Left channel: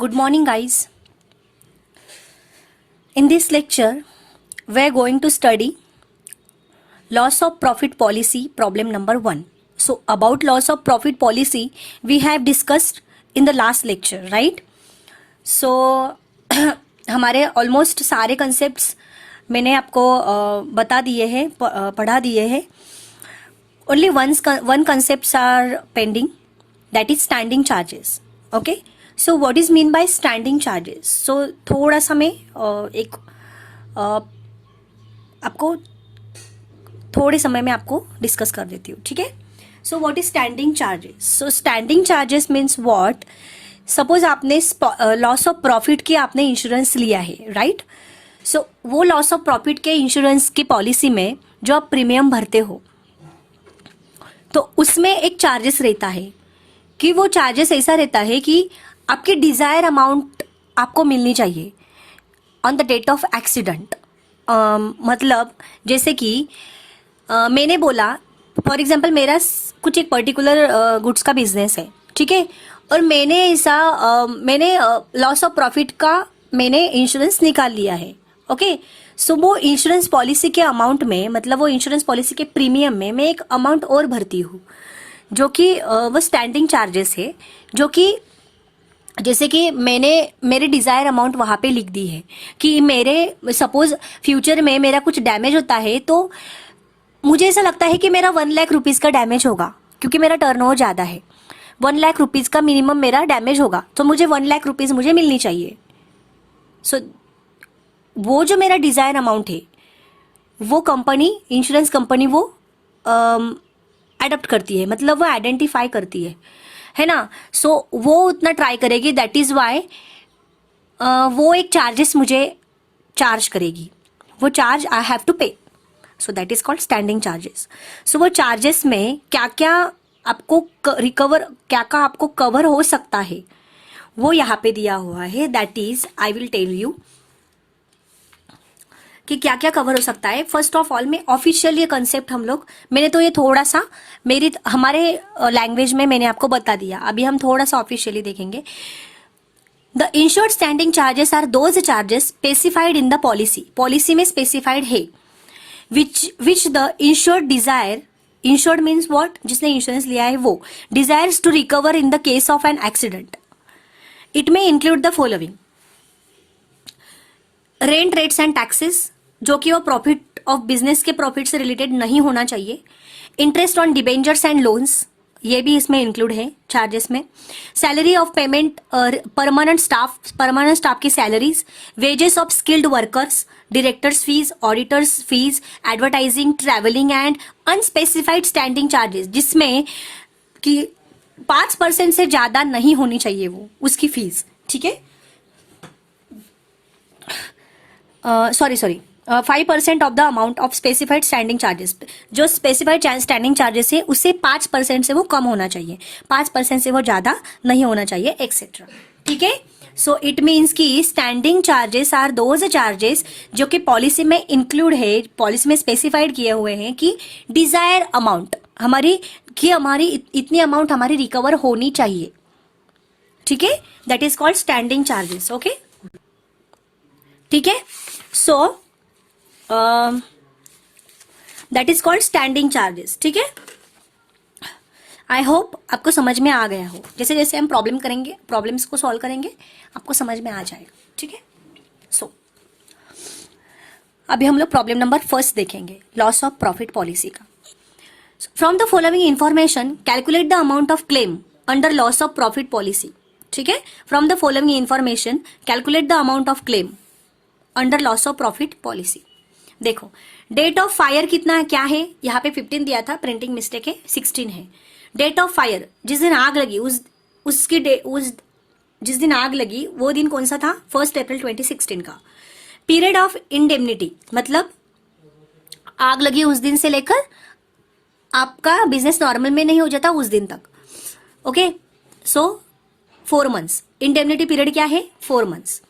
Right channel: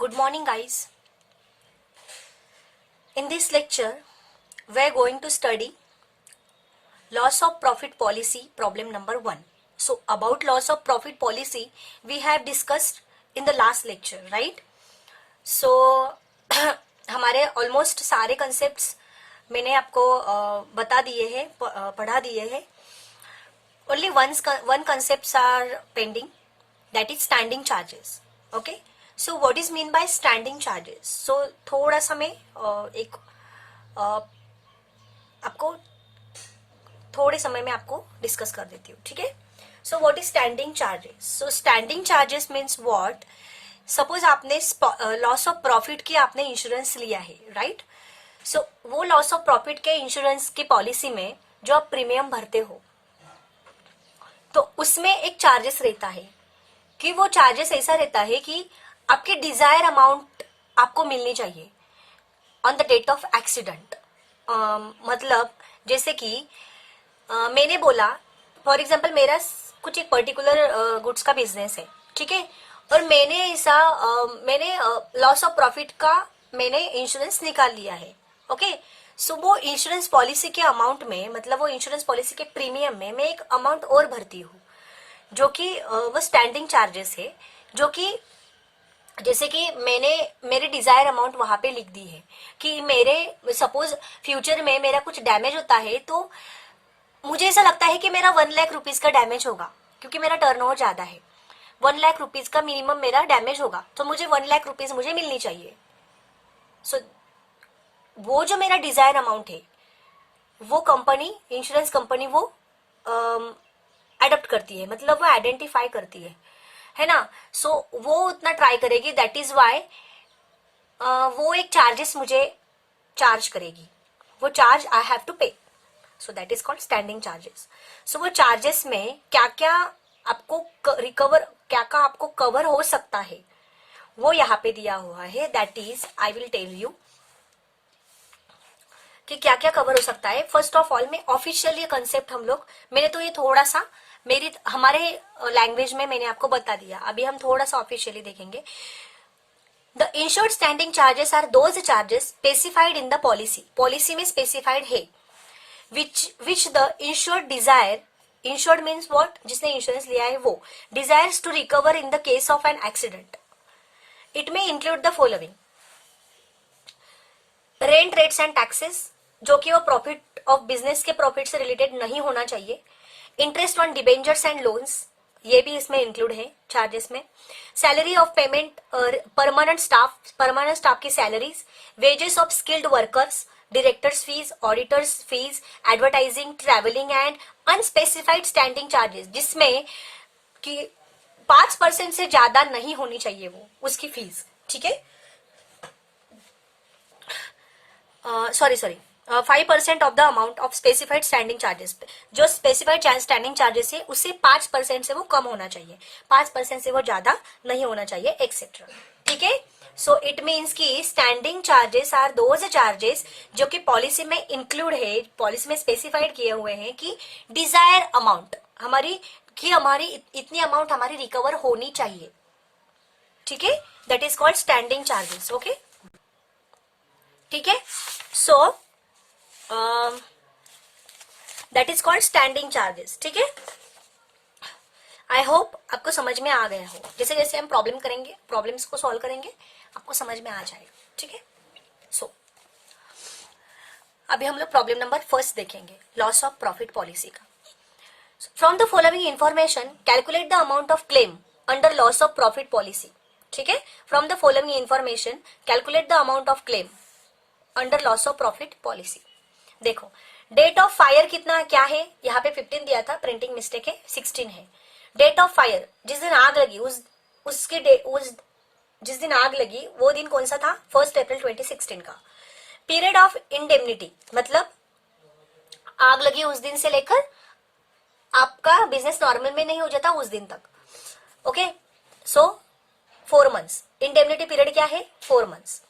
Good morning, guys. In this lecture, we are going to study loss of profit policy problem number 1. So, about loss of profit policy, we have discussed in the last lecture, right? So, हमारे almost सारे concepts मैंने आपको बता दिए हैं, पढ़ा दिए हैं. Only one concepts are pending, that is standing charges. Okay. So what is mean by standing charges? So थोड़ा सा मैं एक आपको थोड़े समय में आपको डिस्कस कर देती हूँ, ठीक है. So what is standing charges? So standing charges means what? Suppose आपने लॉस ऑफ प्रॉफिट की आपने इंश्योरेंस लिया है, राइट? सो वो लॉस ऑफ प्रॉफिट के इंश्योरेंस की पॉलिसी में जो आप प्रीमियम भरते हो, तो उसमें एक चार्जेस रहता है कि वो चार्जेस ऐसा रहता है कि आपकी डिजायर अमाउंट आपको मिलनी चाहिए on the date of accident. मतलब जैसे कि मैंने बोला, फॉर एग्जांपल मेरा कुछ एक पर्टिकुलर गुड्स का बिजनेस है, ठीक है, और मैंने लॉस ऑफ प्रॉफिट का मैंने इंश्योरेंस निकाल लिया है. ओके. सो वो इंश्योरेंस पॉलिसी के अमाउंट में, मतलब वो इंश्योरेंस पॉलिसी के प्रीमियम में मैं एक अमाउंट और भरती हूँ, जो कि वो स्टैंडिंग चार्जेस है, जो कि जैसे कि मैंने मेरे डिजायर अमाउंट वहां पे लिख दी है कि मेरे सपोज फ्यूचर में मेरा कुछ डैमेज होता है, तो मुझे ऐसा लगता है कि मेरा 1 लाख रुपीज का डैमेज होगा, क्योंकि मेरा टर्नओवर ज्यादा है. 1 लाख रुपीज का मिनिमम मेरा डैमेज होगा, तो मुझे 1 लाख रुपीज मुझे मिलनी चाहिए. सो वो जो मेरा डिजायर अमाउंट है, वो कंपनी, इंश्योरेंस कंपनी वो एडप्ट करती है, मतलब वो आइडेंटिफाई करती है ना. सो वो उतना ट्राई करेगी, दैट इज वाई वो एक चार्जेस मुझे चार्ज करेगी. वो charge I have to pay. So that is called standing charges. So वो चार्जेस में क्या क्या आपको रिकवर, क्या क्या आपको कवर हो सकता है, वो यहाँ पे दिया हुआ है. That is I will tell you कि क्या क्या कवर हो सकता है. फर्स्ट ऑफ ऑल में ऑफिशियल ये कंसेप्ट मैंने तो ये थोड़ा सा हमारे लैंग्वेज में मैंने आपको बता दिया. अभी हम थोड़ा सा ऑफिशियली देखेंगे. The insured standing charges are those charges specified in the policy में स्पेसिफाइड है, which the insured desire, insured means what, जिसने इंश्योरेंस लिया है वो desires to recover in the case of an accident. It may include the following: rent, rates and taxes, जो कि वो profit of business के प्रॉफिट से रिलेटेड नहीं होना चाहिए. Interest on debentures and loans, ये भी इसमें इंक्लूड है चार्जेस में. Salary of payment, permanent staff की salaries, wages of skilled workers, directors fees, auditors fees, advertising, travelling and unspecified standing charges, जिसमें कि 5% से ज्यादा नहीं होनी चाहिए वो उसकी फीस, ठीक है. Sorry 5% of the amount of specified standing charges. जो स्पेसिफाइड स्टैंडिंग चार्जेस है उससे 5% से वो कम होना चाहिए, 5% से वो ज्यादा नहीं होना चाहिए, एक्सेट्रा, ठीक है. सो इट मीन्स कि standing charges are those charges जो कि पॉलिसी में इंक्लूड है, पॉलिसी में स्पेसिफाइड किए हुए हैं कि डिजायर अमाउंट हमारी इतनी अमाउंट हमारी रिकवर होनी चाहिए, ठीक है. That is called standing charges. Okay, ठीक है. सो that is called standing charges, ठीक है. आई होप आपको समझ में आ गया हो. जैसे जैसे हम प्रॉब्लम्स को सॉल्व करेंगे, आपको समझ में आ जाएगा, ठीक है. सो अभी हम लोग प्रॉब्लम नंबर 1 देखेंगे, लॉस ऑफ प्रॉफिट पॉलिसी का. From the following information calculate the amount of claim under loss of profit policy, ठीक है. From the following information calculate the amount of claim under loss of profit policy. देखो, date of fire कितना क्या है, यहाँ पे 15 दिया था, प्रिंटिंग मिस्टेक है, 16 है. डेट ऑफ फायर, जिस दिन आग लगी जिस दिन आग लगी वो दिन कौन सा था, 1 अप्रैल 2016 का. पीरियड ऑफ इंडेमनिटी, मतलब आग लगी उस दिन से लेकर आपका बिजनेस नॉर्मल में नहीं हो जाता उस दिन तक. Okay. So 4 months. Indemnity period क्या है, 4 मंथ्स.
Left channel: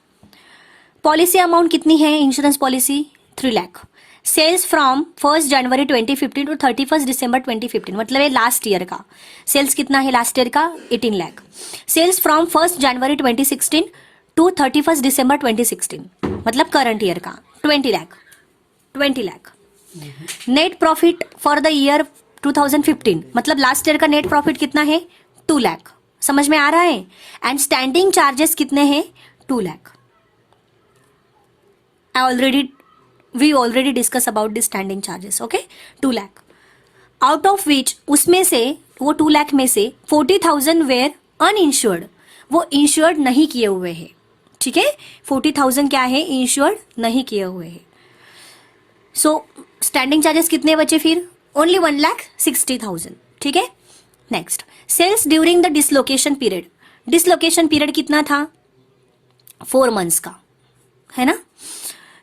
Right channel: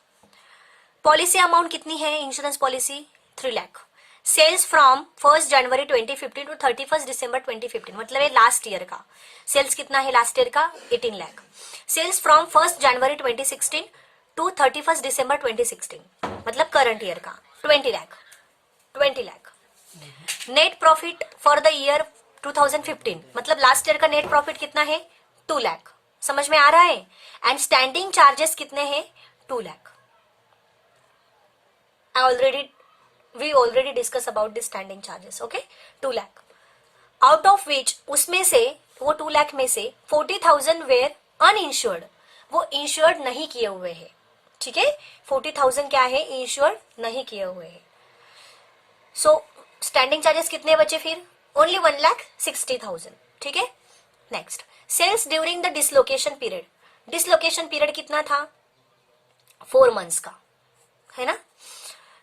पॉलिसी अमाउंट कितनी है, insurance policy 3 lakh. Sales from 1 January 2015 to 31 December 2015, मतलब ये लास्ट ईयर का सेल्स कितना है, लास्ट ईयर का 18 lakh. Sales from 1 January 2016 to 31 December 2016, मतलब करंट ईयर का 20 lakh, 20 lakh. Net profit for the year 2015, मतलब लास्ट ईयर का नेट प्रॉफिट कितना है, 2 लाख। समझ में आ रहा है? एंड स्टैंडिंग चार्जेस कितने हैं, 2 lakh. We already discuss about the standing charges, okay. 2 lakh, out of which, उसमें से, वो 2 लाख में से 40,000 वेयर अनइंश्योर्ड, वो इंश्योर्ड नहीं किए हुए हैं, ठीक है। 40,000 क्या है, इंश्योर्ड नहीं किए हुए हैं। सो स्टैंडिंग चार्जेस कितने बचे फिर, ओनली 1,60,000, ठीक है। Next, sales during the dislocation period. Dislocation period कितना था, 4 मंथ्स का, है ना।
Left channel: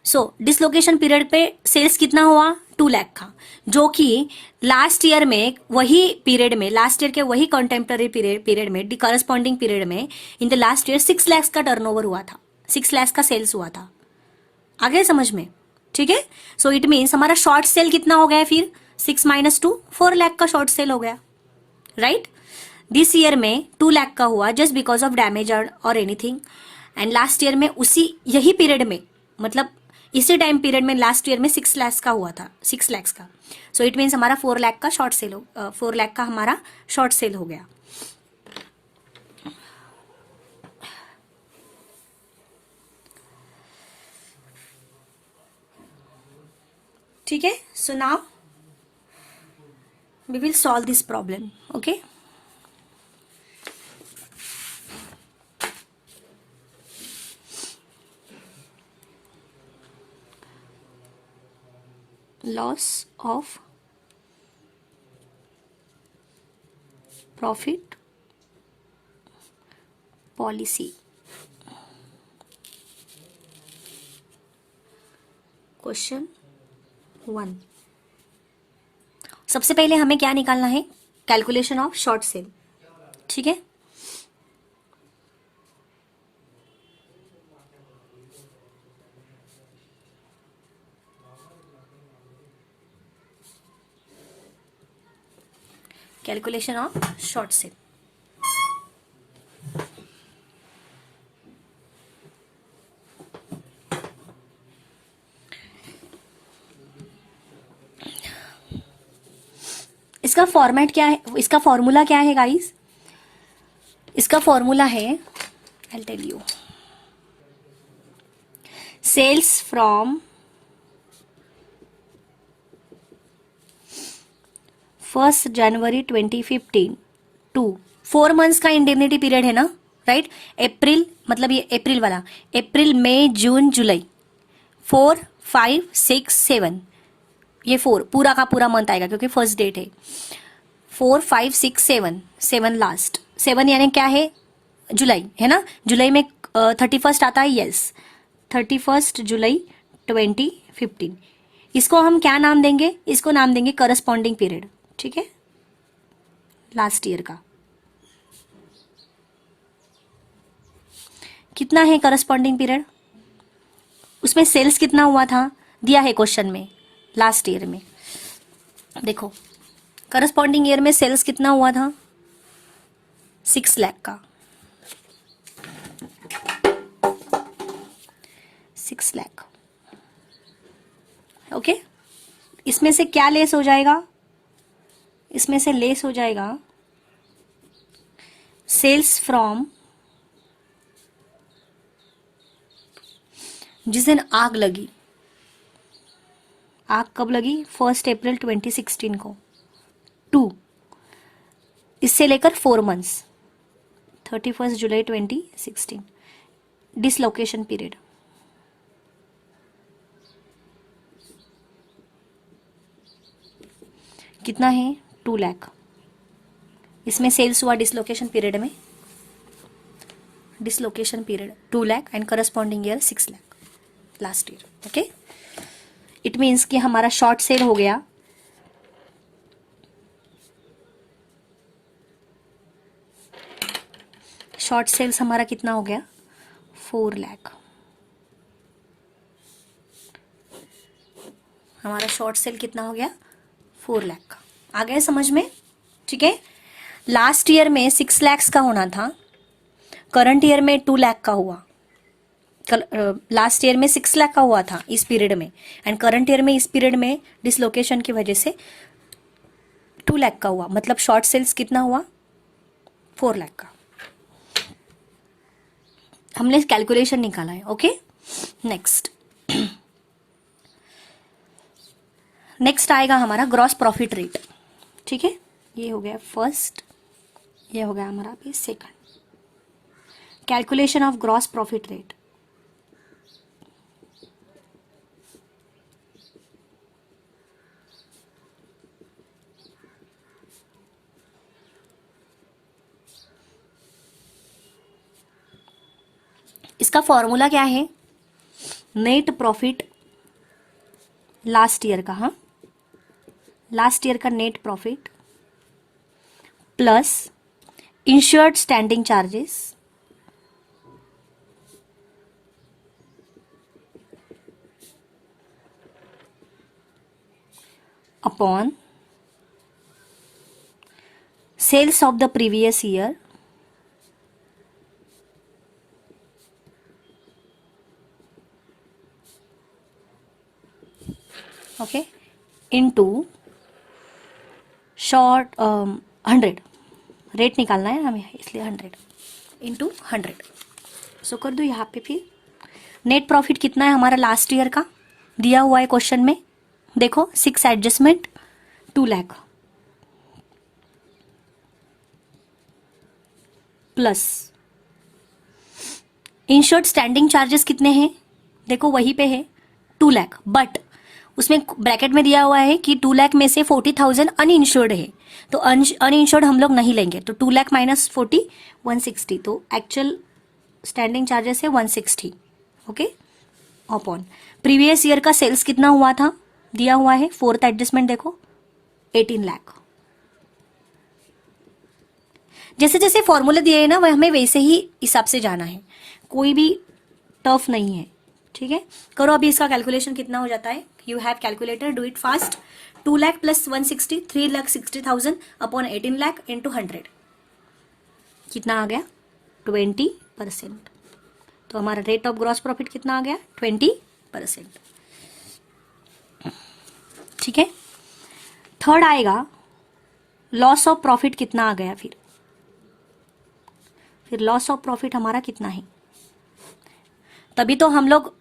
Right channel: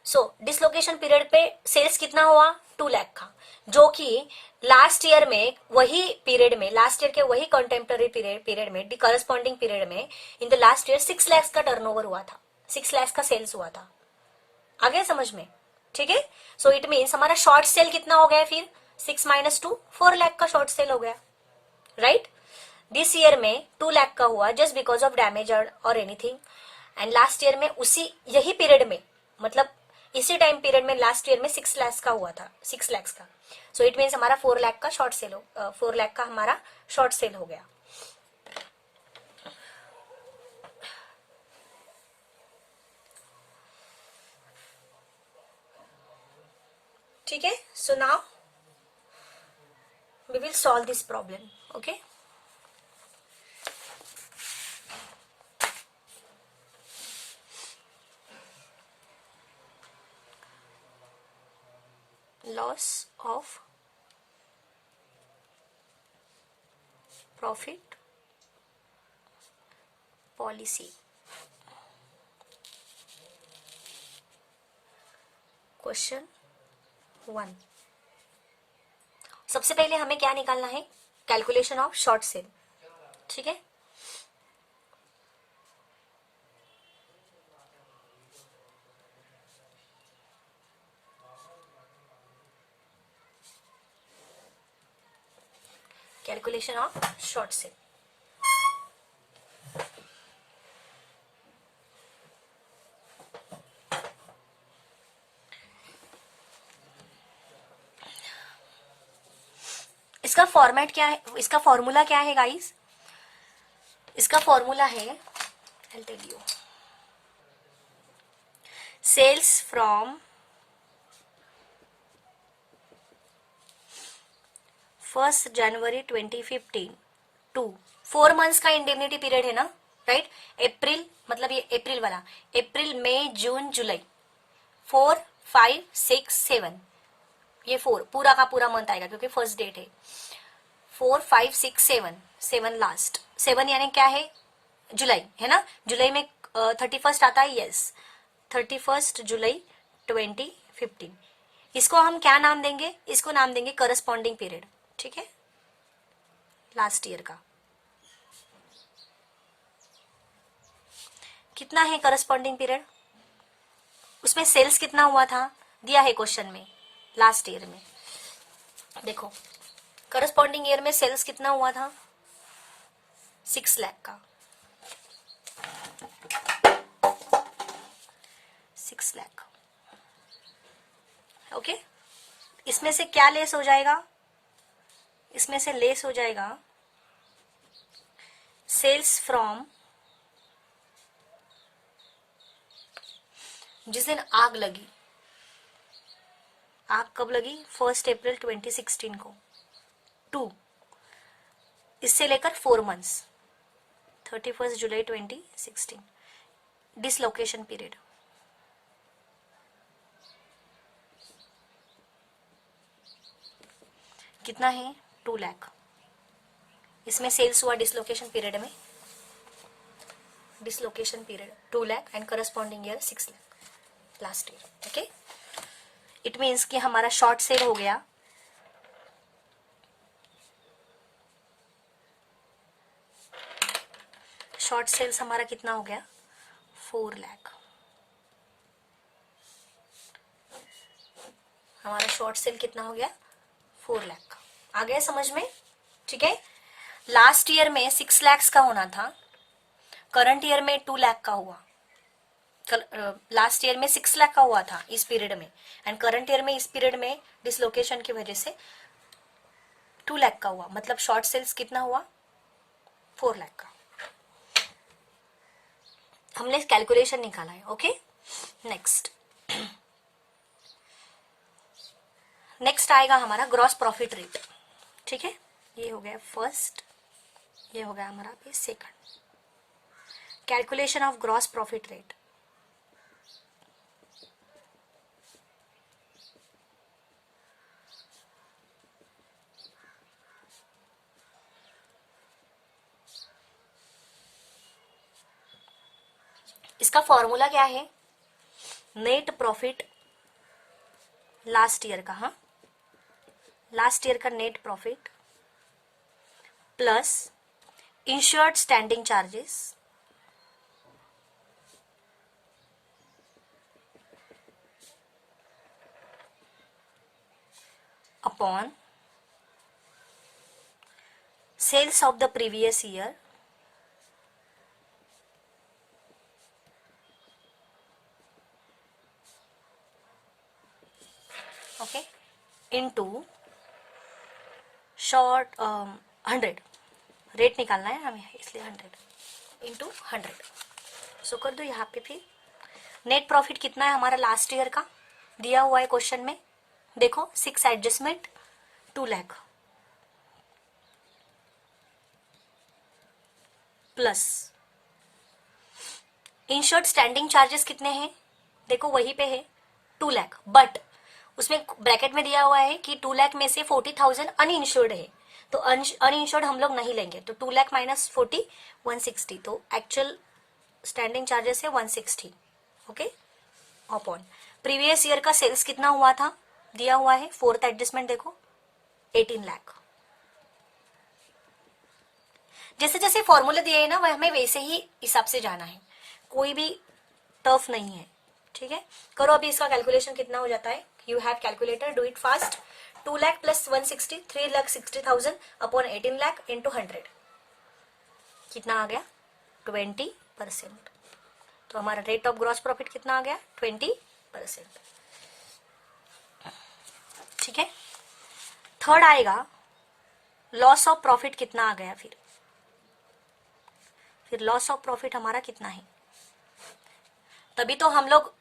सो डिसलोकेशन पीरियड पे सेल्स कितना हुआ, 2 लाख का, जो कि लास्ट ईयर में वही पीरियड में, लास्ट ईयर के वही कंटेम्पररी पीरियड में, करस्पॉन्डिंग पीरियड में, in the last year 6 lakh का टर्नओवर हुआ था, 6 लाख का सेल्स हुआ था। आगे समझ में, ठीक है। सो इट मीन्स हमारा शॉर्ट सेल कितना हो गया फिर, 6 - 2, 4 लाख का शॉर्ट सेल हो गया, राइट। दिस ईयर में 2 लाख का हुआ जस्ट बिकॉज ऑफ डैमेज और एनीथिंग, एंड लास्ट ईयर में उसी यही पीरियड में, मतलब इसी टाइम पीरियड में लास्ट ईयर में 6 लाख का हुआ था, 6 लाख का। सो इट मीन्स हमारा 4 लाख का शॉर्ट सेल 4 लाख का हमारा शॉर्ट सेल हो गया। ठीक है। So now we will solve this problem, okay. Loss of profit policy, question 1। सबसे पहले हमें क्या निकालना है, कैलकुलेशन ऑफ शॉर्ट सेल, ठीक है। कैलकुलेशन ऑफ शॉर्ट सेल, इसका फॉर्मेट क्या है, इसका फॉर्मूला क्या है गाइस, इसका फॉर्मूला है, I tell you, sales from 1 January 2015 to 4 months का इंडेमनिटी पीरियड है ना, राइट। अप्रैल, मतलब ये अप्रैल वाला, अप्रैल मई जून जुलाई, 4 5 6 7, ये 4 पूरा का पूरा मंथ आएगा क्योंकि फर्स्ट डेट है। 4 5 6 7, 7 लास्ट, 7 यानी क्या है, जुलाई, है ना। जुलाई में 31 आता है, यस, 31 जुलाई 2015। इसको हम क्या नाम देंगे, इसको नाम देंगे करस्पॉन्डिंग पीरियड, ठीक है, लास्ट ईयर का। कितना है करस्पॉन्डिंग पीरियड, उसमें सेल्स कितना हुआ था, दिया है क्वेश्चन में, लास्ट ईयर में। देखो करस्पॉन्डिंग ईयर में सेल्स कितना हुआ था, 6 लाख का, 6 लाख, ओके। इसमें से क्या लेस हो जाएगा, इसमें से लेस हो जाएगा सेल्स फ्रॉम, जिस दिन आग लगी, आग कब लगी, 1 अप्रैल 2016 को, 2, इससे लेकर 4 मंथ्स, 31 जुलाई 2016, डिसलोकेशन पीरियड, कितना है, 2 लाख। इसमें सेल्स हुआ डिसलोकेशन पीरियड में, dislocation period 2 lakh and corresponding year 6 lakh, last year, okay. It means कि हमारा शॉर्ट सेल हो गया, शॉर्ट सेल्स हमारा कितना हो गया, 4 लाख, हमारा शॉर्ट सेल कितना हो गया, 4 लाख का। आ गया समझ में, ठीक है। लास्ट ईयर में 6 लाख का होना था, करंट ईयर में 2 लाख का हुआ। लास्ट ईयर में 6 लाख का हुआ था इस पीरियड में, एंड करंट ईयर में इस पीरियड में डिसलोकेशन की वजह से 2 लाख का हुआ, मतलब शॉर्ट सेल्स कितना हुआ, 4 लाख का। हमने कैलकुलेशन निकाला है, ओके। नेक्स्ट नेक्स्ट आएगा हमारा ग्रॉस प्रॉफिट रेट, ठीक है। ये हो गया फर्स्ट, ये हो गया हमारा अभी second. Calculation of gross profit rate. इसका फॉर्मूला क्या है, नेट प्रॉफिट लास्ट ईयर का, हाँ, लास्ट ईयर का net profit plus insured standing charges upon sales of the previous year okay into short 100, rate निकालना है हमें इसलिए 100 इंटू 100। सो कर दो यहाँ पे फिर। नेट प्रॉफिट कितना है हमारा लास्ट ईयर का, दिया हुआ है क्वेश्चन में, देखो 6 adjustment 2 lakh plus insured standing charges कितने हैं, देखो वहीं पे है 2 लाख, बट उसमें ब्रैकेट में दिया हुआ है कि 2 लाख में से 40,000 अनइंश्योर्ड है, तो अनइंश्योर्ड हम लोग नहीं लेंगे, तो 2 लाख माइनस 40 160, तो एक्चुअल स्टैंडिंग चार्जेस है 160, ओके। अपॉन प्रीवियस ईयर का सेल्स कितना हुआ था, दिया हुआ है, फोर्थ एडजस्टमेंट देखो 18 लाख। जैसे जैसे फॉर्मूला दिए है ना, वह हमें वैसे ही हिसाब से जाना है, कोई भी टफ नहीं है, ठीक है। करो अभी इसका कैलकुलेशन कितना हो जाता है, you have calculator, do it fast. 2 lakh plus 160 3,60,000 upon 18 lakh into 100 कितना आ गया, 20%। तो हमारा रेट ऑफ ग्रॉस प्रॉफिट कितना आ गया, 20%, ठीक है। थर्ड आएगा लॉस ऑफ प्रॉफिट कितना आ गया, फिर लॉस ऑफ प्रॉफिट हमारा कितना है, तभी तो हम लोग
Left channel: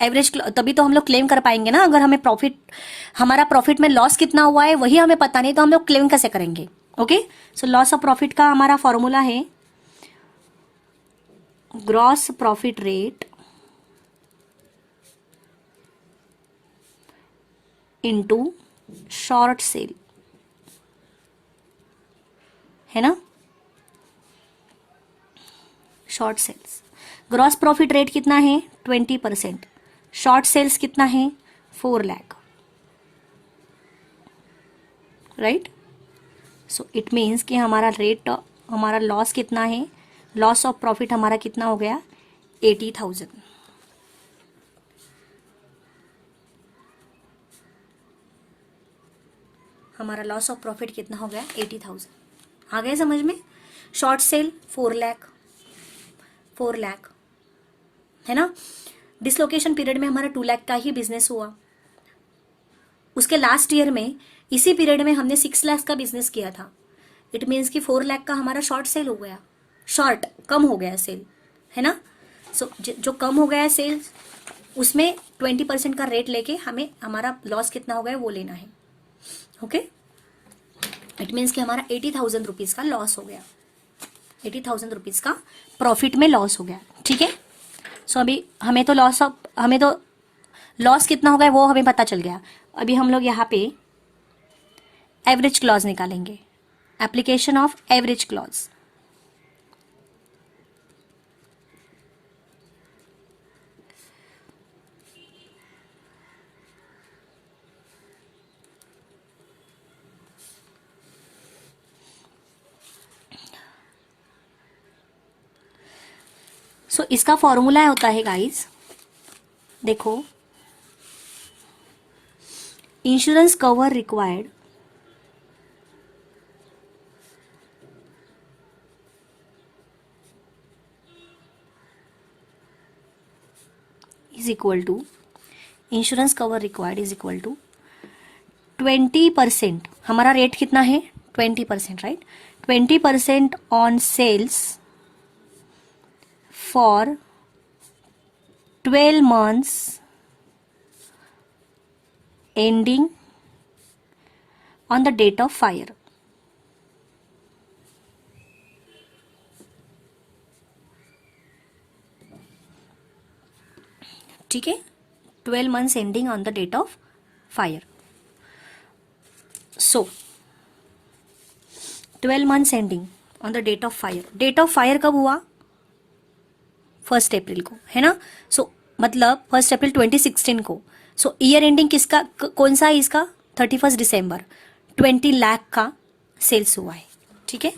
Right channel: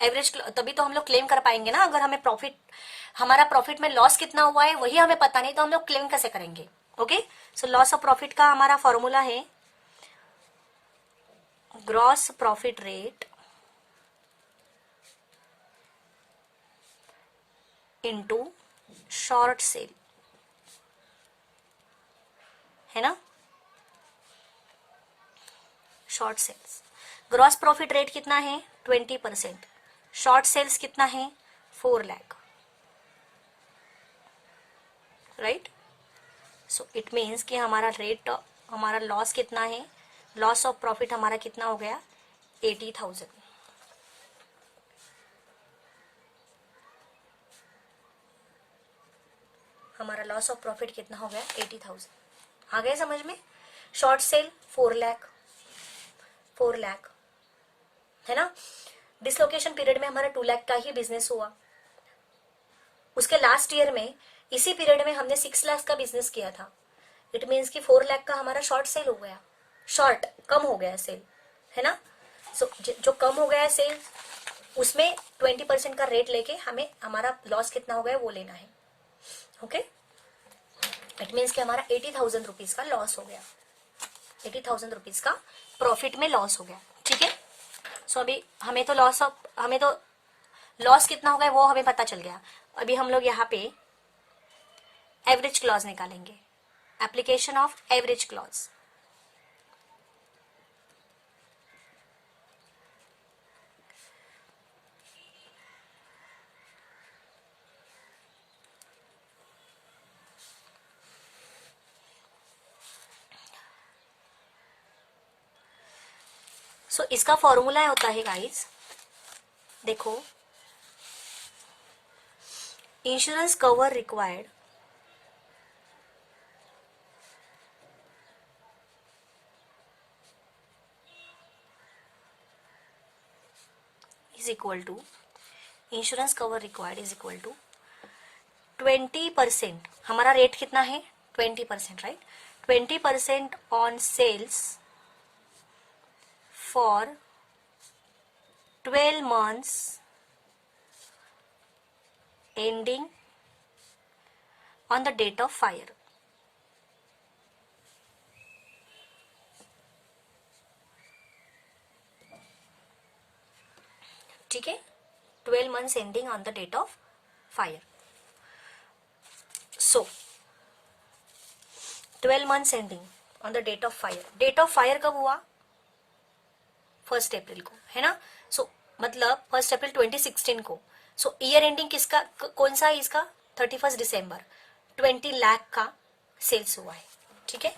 एवरेज, तभी तो हम लोग क्लेम कर पाएंगे ना। अगर हमें प्रॉफिट, हमारा प्रॉफिट में लॉस कितना हुआ है वही हमें पता नहीं, तो हम लोग क्लेम कैसे करेंगे, okay. So loss of profit का हमारा फॉर्मूला है gross profit rate into short sale, है ना, short sales. Gross profit rate कितना है 20%, शॉर्ट सेल्स कितना है 4 lakh, right. So it means कि हमारा रेट, हमारा लॉस कितना है, लॉस ऑफ प्रॉफिट हमारा कितना हो गया 80,000। हमारा लॉस ऑफ प्रॉफिट कितना हो गया 80,000। आ गया समझ में। शॉर्ट सेल 4 लाख, 4 लाख, है ना। डिसलोकेशन पीरियड में हमारा 2 लाख का ही बिजनेस हुआ, उसके लास्ट ईयर में इसी पीरियड में हमने 6 लाख का बिजनेस किया था। इट मीन्स कि 4 लाख का हमारा शॉर्ट सेल हो गया, शॉर्ट कम हो गया सेल, है ना। सो जो कम हो गया सेल, उसमें 20% का रेट लेके हमें हमारा लॉस कितना हो गया वो लेना है, ओके। इट मीन्स कि हमारा 80,000 रुपीज का लॉस हो गया, 80,000 रुपीज का प्रॉफिट में लॉस हो गया, ठीक है। सो अभी हमें तो लॉस कितना हो गया वो हमें पता चल गया। अभी हम लोग यहाँ पे एवरेज क्लॉज निकालेंगे, application of average clause. So इसका फॉर्मूला होता है गाइस, देखो insurance cover required is equal to, insurance cover required is equal to 20%, हमारा रेट कितना है 20%, right, 20% on sales for 12 months ending on the date of fire. ठीक है, 12 months ending on the date of fire. So 12 months ending on the date of fire. Date of fire कब हुआ? 1 अप्रैल को, है ना. सो मतलब 1 अप्रैल 2016 को. सो ईयर एंडिंग किसका, कौन सा है इसका? 31 दिसंबर. 20 लाख का सेल्स हुआ है. ठीक है,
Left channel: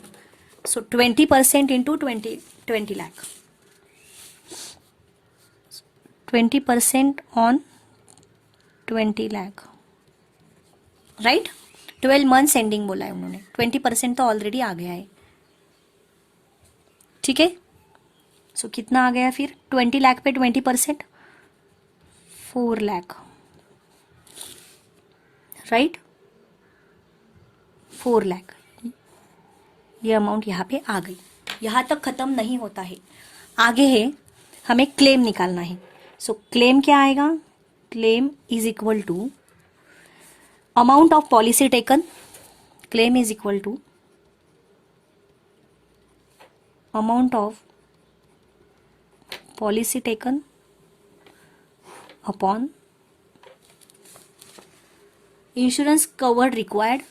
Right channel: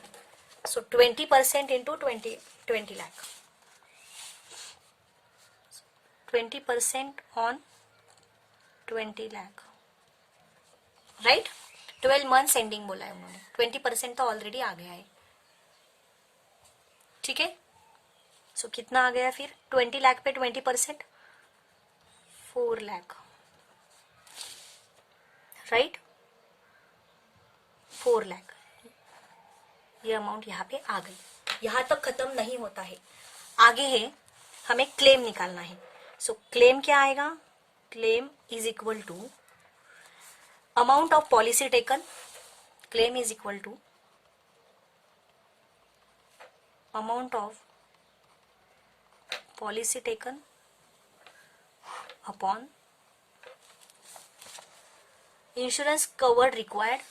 सो 20% into 20 lakh, 20% on 20 lakh, right. 12 months ending बोला है उन्होंने, 20% तो ऑलरेडी आ गया है. ठीक है, सो कितना आ गया फिर 20 लाख पे 20%, 4 लाख, राइट, 4 लाख. ये अमाउंट यहाँ पे आ गई. यहाँ तक खत्म नहीं होता है, आगे है हमें क्लेम निकालना है. सो क्लेम क्या आएगा? Claim is equal to amount of policy taken. Claim is equal to amount of policy taken upon insurance cover required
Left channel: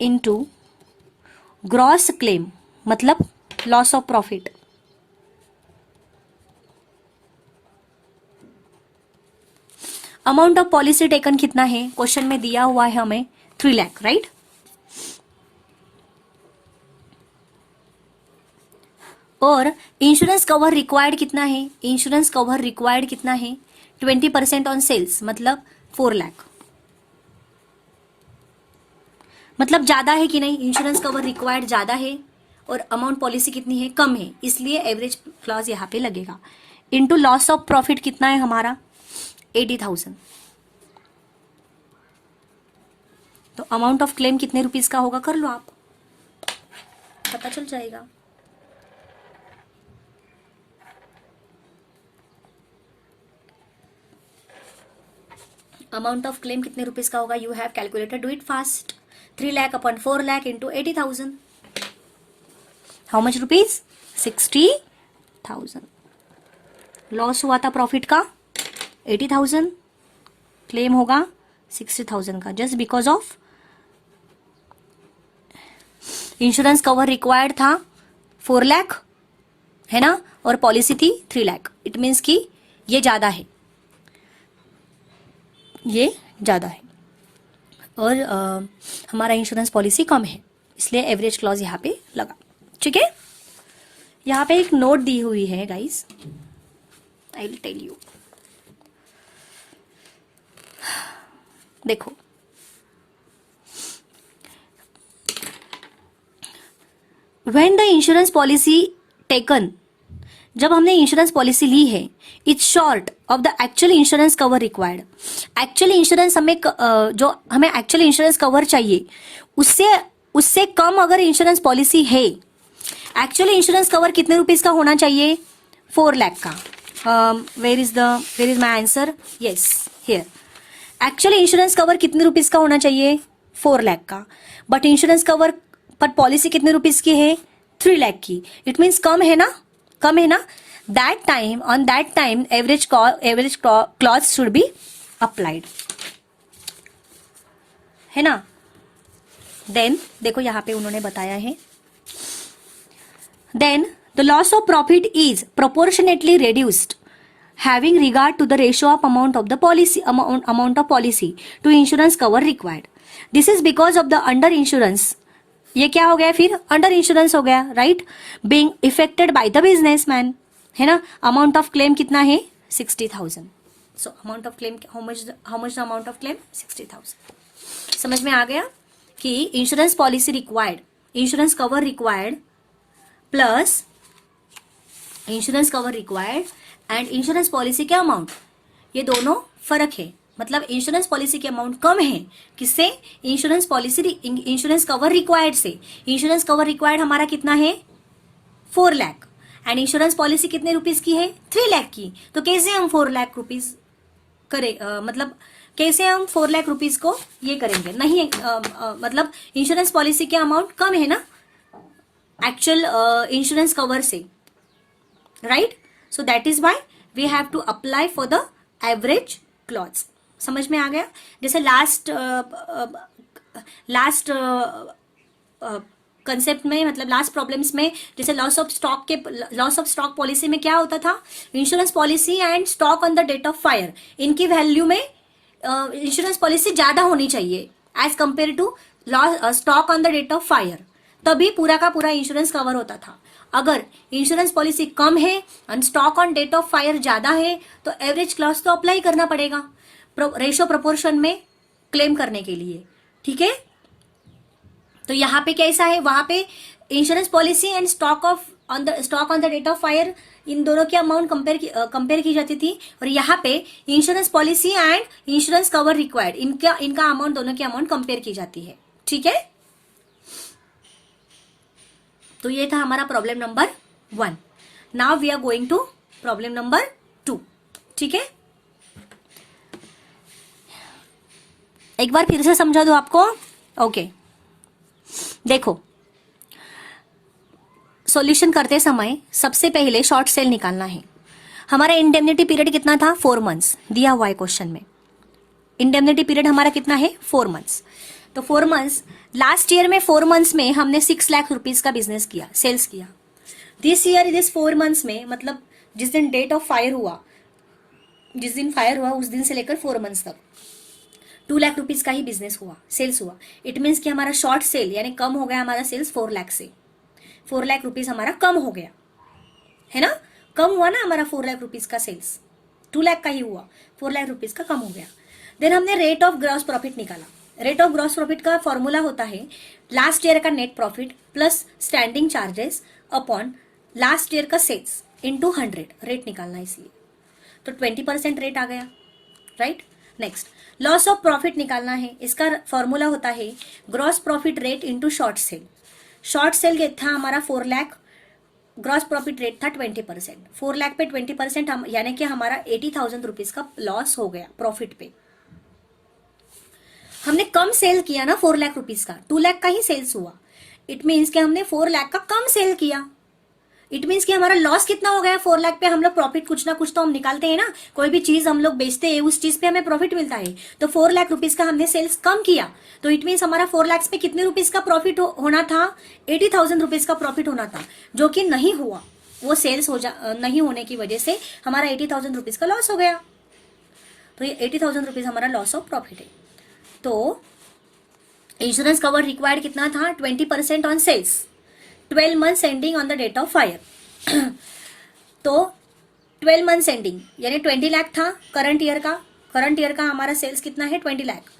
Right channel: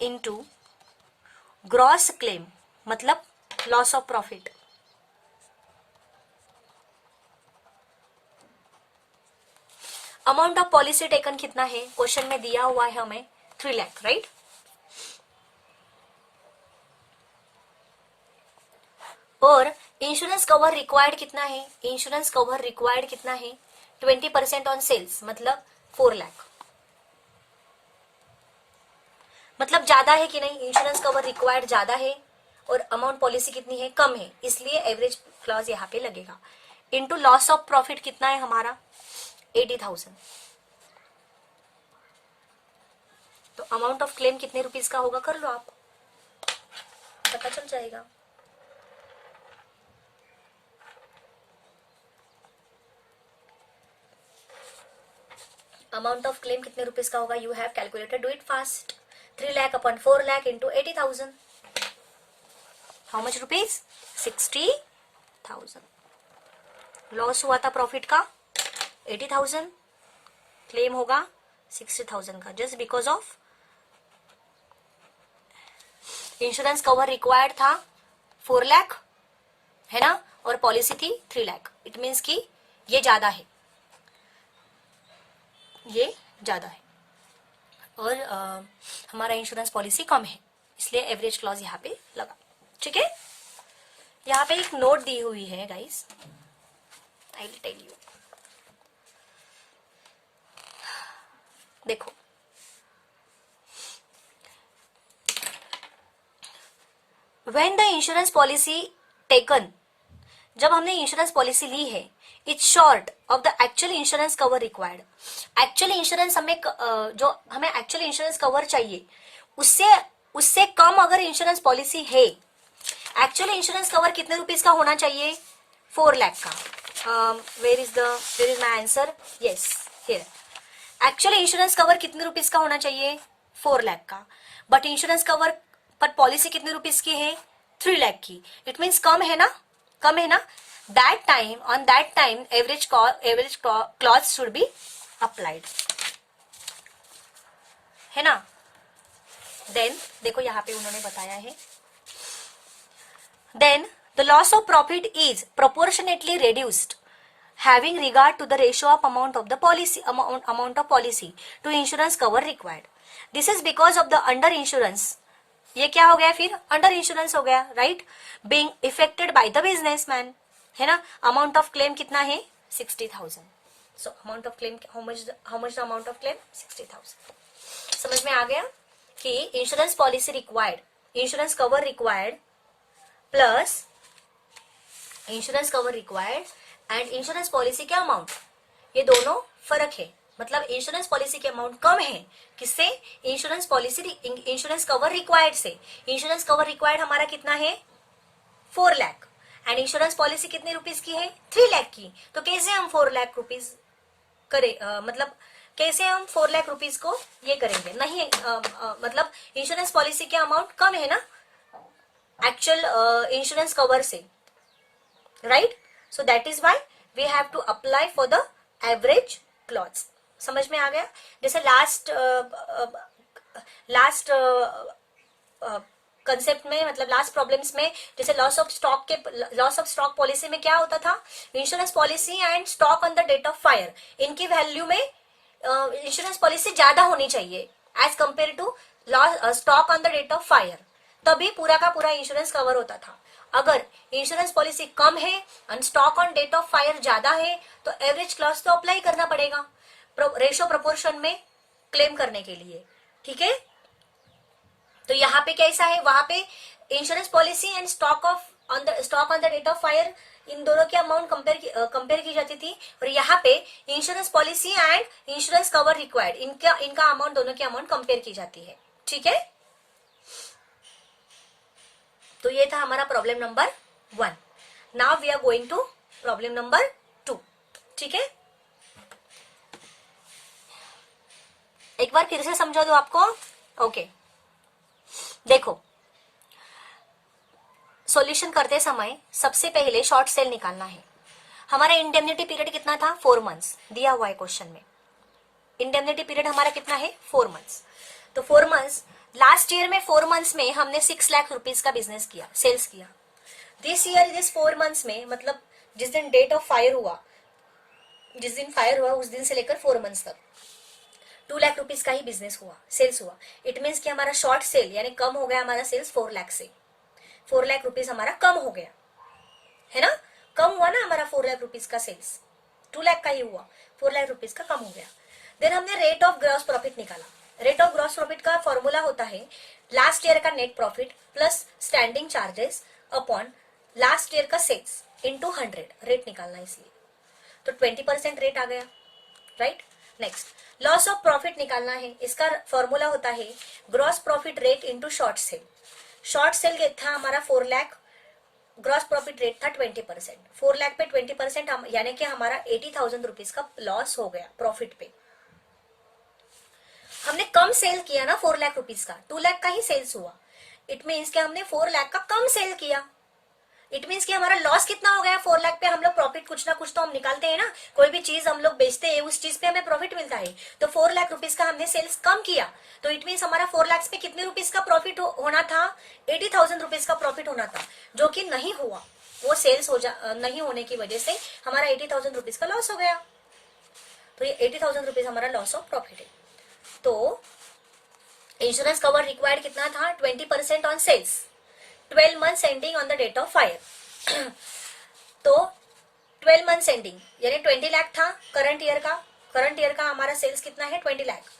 into gross claim, मतलब loss of profit. Amount of policy taken कितना है? Question में दिया हुआ है हमें 3 lakh, right. और insurance cover required कितना है? इंश्योरेंस कवर रिक्वायर्ड कितना है? 20% ऑन सेल्स, मतलब 4 लाख. मतलब ज्यादा है कि नहीं? इंश्योरेंस कवर रिक्वायर्ड ज्यादा है और अमाउंट पॉलिसी कितनी है? कम है, इसलिए एवरेज क्लॉज यहाँ पे लगेगा. इनटू लॉस ऑफ प्रॉफिट कितना है हमारा? 80,000. तो अमाउंट ऑफ क्लेम कितने रुपीस का होगा? कर लो आप, पता चल जाएगा. अमाउंट ऑफ क्लेम कितने रुपीस का होगा? You have calculated, do it fast. 3 lakh upon 4 lakh into 80,000. How much rupees? 60,000. Loss हुआ था प्रॉफिट का 80,000, क्लेम होगा 60,000 का, just because of insurance cover required था 4 लाख, है ना, और पॉलिसी थी 3 लाख. इट मीन्स कि ये ज्यादा है, ये ज्यादा है, और हमारा इंश्योरेंस पॉलिसी कम है, इसलिए एवरेज क्लॉज यहाँ पे लगा. ठीक है, यहाँ पे एक नोट दी हुई है guys, I will tell you. देखो, when the insurance policy taken, जब हमने इंश्योरेंस पॉलिसी ली है, it's short of the actual insurance cover required. Actual insurance हमें जो हमें एक्चुअल इंश्योरेंस कवर चाहिए, उससे कम अगर इंश्योरेंस पॉलिसी है. एक्चुअल इंश्योरेंस कवर कितने रुपीस का होना चाहिए? 4 लाख का. Where is my answer? Yes, here. Actual insurance cover कितने रुपीस का होना चाहिए? 4 लाख का. बट इंश्योरेंस कवर पर पॉलिसी कितने रुपीस की है? 3 लाख की. इट मीन्स कम है ना, कम है ना. That time average clause should be applied, है ना. देन देखो यहाँ पे उन्होंने बताया है, then the loss of profit is proportionately reduced having regard to the ratio of amount of policy to insurance cover required. This is because of the under insurance ये क्या हो गया फिर, अंडर इंश्योरेंस हो गया, right. Being effected by the businessman, है ना। Amount of claim कितना है, 60,000। So amount of claim, how much the amount of claim, 60,000। समझ में आ गया कि insurance policy required, insurance cover required plus insurance cover required and insurance policy के अमाउंट, ये दोनों फर्क है। मतलब इंश्योरेंस पॉलिसी के अमाउंट कम है, किससे, insurance policy, insurance cover required से। इंश्योरेंस कवर रिक्वायर्ड हमारा कितना है, 4 लाख, एंड इंश्योरेंस पॉलिसी कितने रुपीज की है, 3 लाख की। तो कैसे हम 4 लाख रुपीज करे, मतलब कैसे हम 4 लाख रुपीज को ये करेंगे, नहीं मतलब इंश्योरेंस पॉलिसी के अमाउंट कम है ना एक्चुअल इंश्योरेंस कवर से, right. So that is why we have to apply for the average clause. समझ में आ गया। जैसे लास्ट कंसेप्ट में, मतलब लास्ट प्रॉब्लम्स में, जैसे लॉस ऑफ स्टॉक पॉलिसी में क्या होता था, insurance policy and stock on the date of fire, इनकी वैल्यू में इंश्योरेंस पॉलिसी ज्यादा होनी चाहिए as compare to stock on the date of fire, तभी पूरा का पूरा इंश्योरेंस कवर होता था। अगर इंश्योरेंस पॉलिसी कम है and stock on date of fire ज्यादा है, तो एवरेज क्लॉज तो अप्लाई करना पड़ेगा रेशो प्रोपोर्शन में क्लेम करने के लिए, ठीक है। तो यहाँ पे कैसा है, वहां पे insurance policy and stock on the date of fire, इन दोनों की अमाउंट कंपेयर की जाती थी। और यहाँ पे insurance policy and insurance cover required, इनका अमाउंट, दोनों की अमाउंट कंपेयर की जाती है, ठीक है। तो ये था हमारा problem number 1। Now we are going to problem number 2, ठीक है। एक बार फिर से समझा दो आपको, ओके। देखो, सॉल्यूशन करते समय सबसे पहले शॉर्ट सेल निकालना है। हमारा इंडेमनिटी पीरियड कितना था, 4 मंथ्स दिया हुआ है क्वेश्चन में। इंडेमनिटी पीरियड हमारा कितना है, 4 मंथ्स। तो 4 मंथ्स, लास्ट ईयर में 4 मंथ्स में हमने 6 लाख रुपीज का बिजनेस किया, सेल्स किया। दिस ईयर दिस 4 मंथ्स में, मतलब जिस दिन डेट ऑफ फायर हुआ, जिस दिन फायर हुआ उस दिन से लेकर 4 मंथ्स तक 2 लाख रुपीज का ही बिजनेस हुआ, सेल्स हुआ। इट मीन्स कि हमारा शॉर्ट सेल यानी कम हो गया हमारा सेल्स 4 लाख से। 4 लाख रुपीज हमारा कम हो गया, है ना, कम हुआ ना हमारा 4 लाख रुपीज का सेल्स, 2 लाख का ही हुआ, 4 लाख रुपीज का कम हो गया। देन हमने रेट ऑफ ग्रॉस प्रॉफिट निकाला। रेट ऑफ ग्रॉस प्रॉफिट का फॉर्मूला होता है लास्ट ईयर का net profit plus standing charges upon last year का सेल्स इंटू 100, रेट निकालना इसलिए। तो 20% रेट आ गया, right. Next, loss of profit निकालना है। इसका फॉर्मूला होता है gross profit rate into short cell. Short cell था हमारा 4 लाख, ग्रॉस प्रॉफिट रेट था 20%। 4 लाख पे 20% यानी कि हमारा 80,000 रुपीज का लॉस हो गया प्रॉफिट पे। हमने कम सेल किया ना 4 लाख रुपीज का, 2 लाख का ही सेल्स हुआ। इट मीन्स कि हमने 4 लाख का कम सेल किया। इट मीन्स कि हमारा लॉस कितना हो गया, 4 लाख पे हम लोग प्रॉफिट कुछ ना कुछ तो हम निकालते हैं ना, कोई भी चीज हम लोग बेचते हैं उस चीज पे हमें प्रॉफिट मिलता है। तो 4 लाख रुपीज का हमने सेल्स कम किया, तो इट मीन्स हमारा 4 लाख पे कितने रुपीज का प्रॉफिट होना था, 80,000 रुपीज का प्रॉफिट होना था, जो कि नहीं हुआ। वो सेल्स नहीं होने की वजह से हमारा 80,000 रुपीज का लॉस हो गया। तो ये 80,000 रुपीज हमारा लॉस ऑफ प्रॉफिट है। तो इंश्योरेंस कवर रिक्वायर्ड कितना था, 20% on sales, 12 months ending on the date of fire. तो 12 मंथ्स एंडिंग यानी 20 लाख था करंट ईयर का हमारा सेल्स कितना है, 20 लाख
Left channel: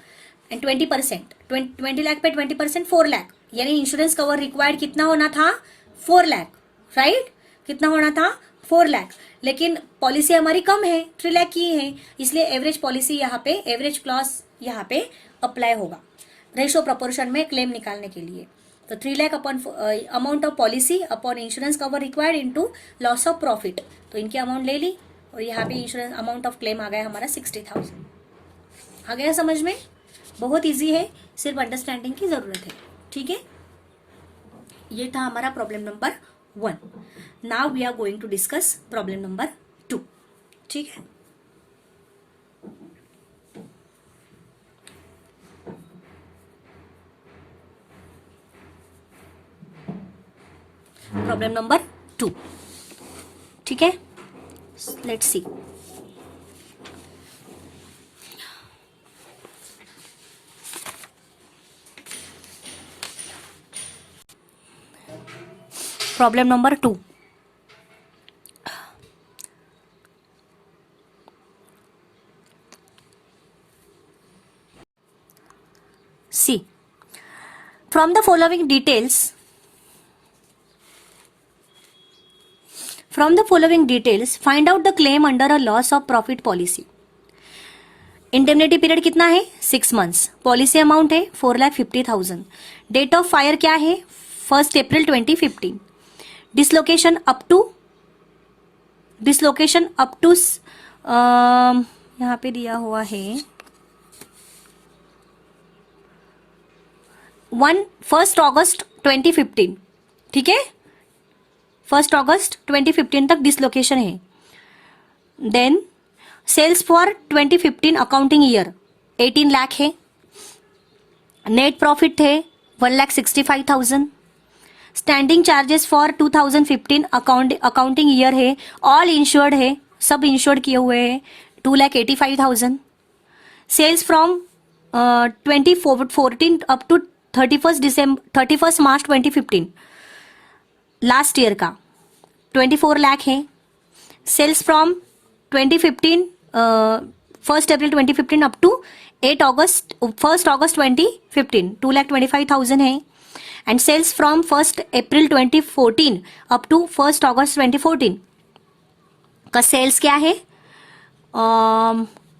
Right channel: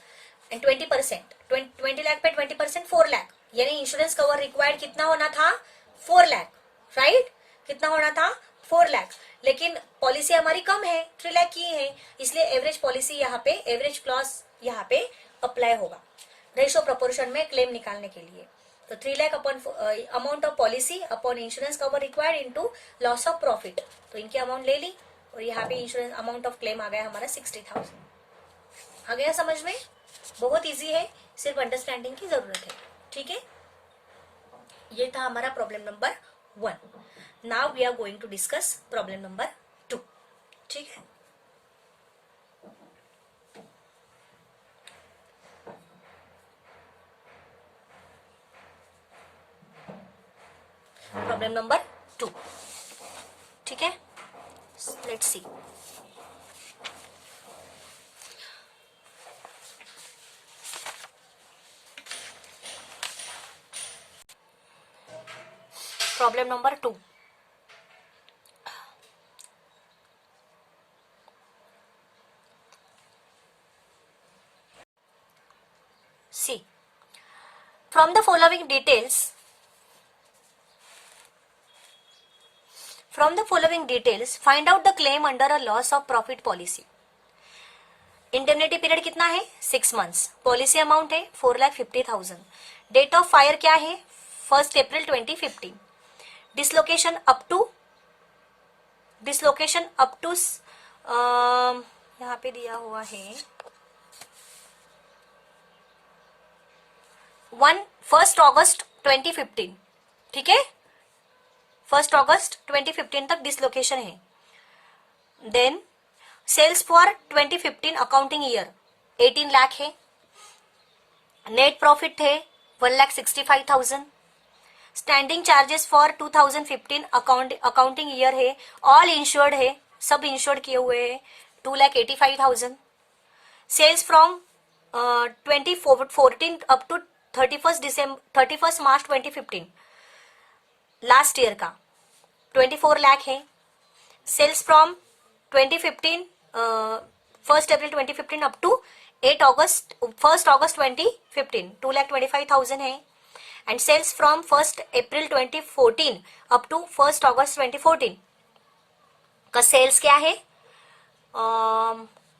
एंड 20%, 20 लाख पे 20% 4 लाख, यानी इंश्योरेंस कवर रिक्वायर्ड कितना होना था, 4 लाख, राइट। कितना होना था, 4 लाख। लेकिन पॉलिसी हमारी कम है, 3 लाख की है, इसलिए एवरेज पॉलिसी यहाँ पे, एवरेज क्लॉज यहाँ पे अप्लाई होगा रेशो प्रोपोर्शन में क्लेम निकालने के लिए। तो 3 lakh upon amount of policy upon insurance cover required into loss of profit, तो इनकी अमाउंट ले ली और यहाँ पे इंश्योरेंस अमाउंट ऑफ क्लेम आ गया हमारा 60,000। आ गया समझ में, बहुत इजी है, सिर्फ अंडरस्टैंडिंग की जरूरत है, ठीक है। ये था हमारा problem number 1। Now we are going to discuss problem number 2, ठीक है। प्रॉब्लम नंबर 2, ठीक है। Let's see. Problem number 2. See, from the following details, find out the claim under a loss of profit policy. Indemnity period कितना है? 6 months. Policy amount है 4,50,000. Date of fire क्या है? 1 April 2015. Dislocation up to यहाँ पे दिया हुआ है 1 August 2015. ठीक है, 1 August 2015 तक डिसलोकेशन है. Then sales for 2015 accounting year 18 lakh है. नेट प्रॉफिट है 1,65,000. Standing charges for 2015 accounting year है. ऑल इंश्योर्ड है, सब इंश्योर्ड किए हुए हैं 2,85,000. Sales from 2014 up to 31 March 2015 last year का 24 लाख है. Sales from 2015 1 April 2015 up to 1 August 2015 2,25,000 है. And sales from 1 April 2014 up to 1 August 2014 का सेल्स क्या है?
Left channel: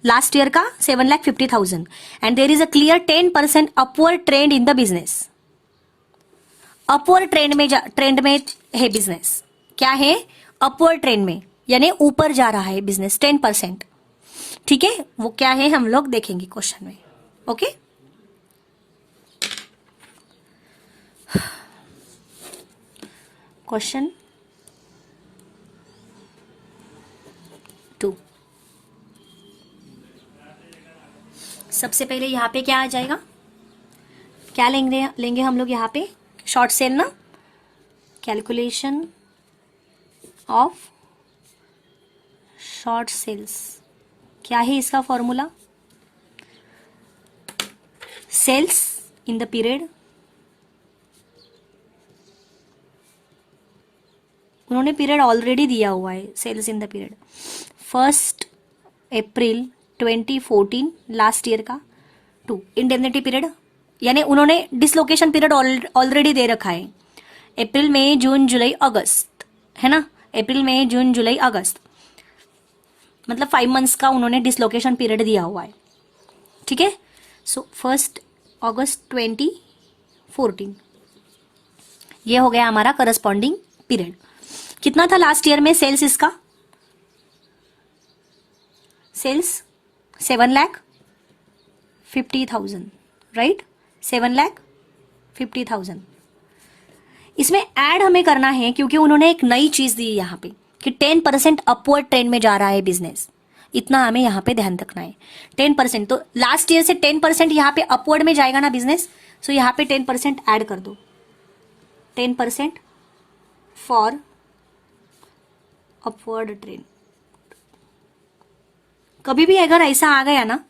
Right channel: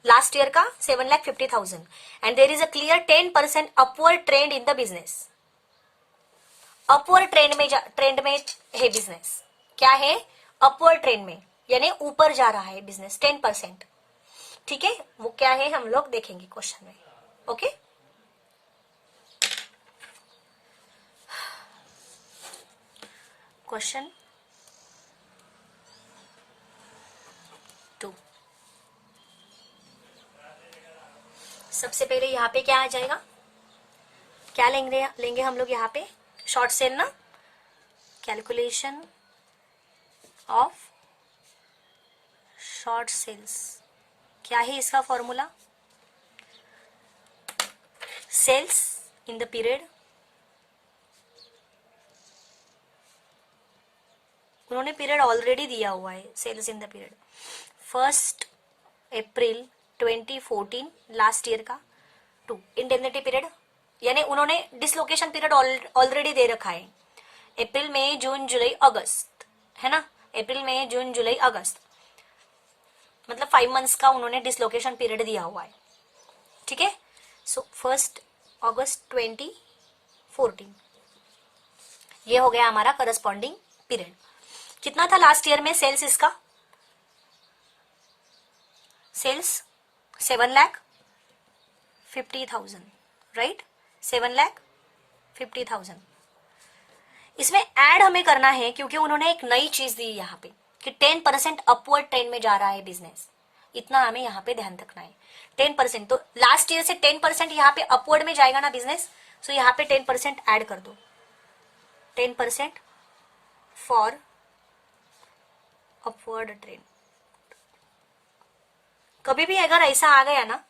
लास्ट ईयर का 7,50,000. And there is a clear 10% upward trend in the business. Upward trend में है business. क्या है? अपवर्ड ट्रेंड में, यानी ऊपर जा रहा है बिजनेस 10%. ठीक है, वो क्या है हम लोग देखेंगे क्वेश्चन में. Okay, question 2. सबसे पहले यहाँ पे क्या आ जाएगा? क्या लेंगे हम लोग यहाँ पे? शॉर्ट सेल ना. Calculation of short sales. क्या है इसका formula? Sales in the period. उन्होंने पीरियड ऑलरेडी दिया हुआ है. Sales in the period 1 April 2014 last year का 2. इंडेमनिटी पीरियड यानी उन्होंने डिसलोकेशन पीरियड ऑलरेडी दे रखा है. अप्रैल, मई, जून, जुलाई, अगस्त है ना. अप्रैल, मई, जून, जुलाई, अगस्त मतलब 5 months का उन्होंने डिसलोकेशन पीरियड दिया हुआ है. ठीक है. सो 1 August 2014 ये हो गया हमारा करस्पॉन्डिंग पीरियड. कितना था लास्ट ईयर में सेल्स इसका? Sales 7,50,000 right. 7,50,000. इसमें ऐड हमें करना है क्योंकि उन्होंने एक नई चीज दी यहाँ पे कि 10% अपवर्ड ट्रेंड में जा रहा है बिजनेस. इतना हमें यहाँ पे ध्यान रखना है. 10%, तो लास्ट ईयर से 10% यहाँ पे अपवर्ड में जाएगा ना बिजनेस. सो यहाँ पे 10% ऐड कर दो. 10% फॉर अपवर्ड ट्रेंड. कभी भी अगर ऐसा आ गया ना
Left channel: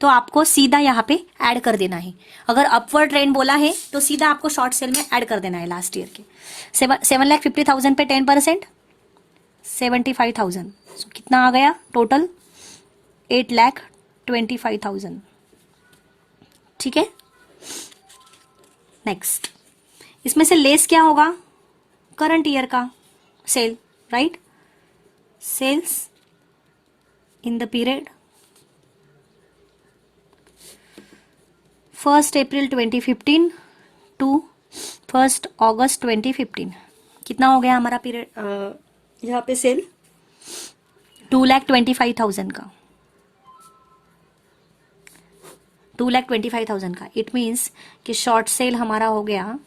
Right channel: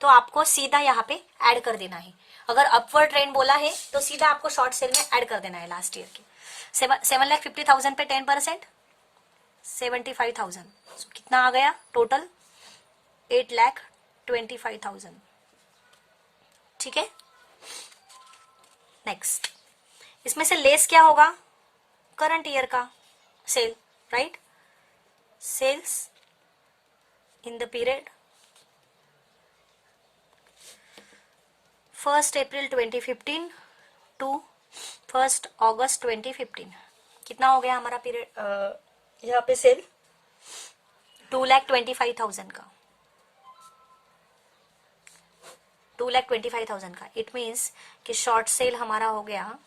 तो आपको सीधा यहाँ पे ऐड कर देना है. अगर अपवर्ड ट्रेंड बोला है तो सीधा आपको शॉर्ट सेल में ऐड कर देना है लास्ट ईयर के. 7,50,000 पे 10% 75,000. कितना आ गया टोटल? 8,25,000. ठीक है. नेक्स्ट, इसमें से लेस क्या होगा? करंट ईयर का sale right. Sales in the period 1 April 2015 to 1 August 2015. कितना हो गया हमारा पीरियड यहाँ पे सेल? 2,25,000 का. 2,25,000 का. इट मीन्स कि शॉर्ट सेल हमारा हो गया,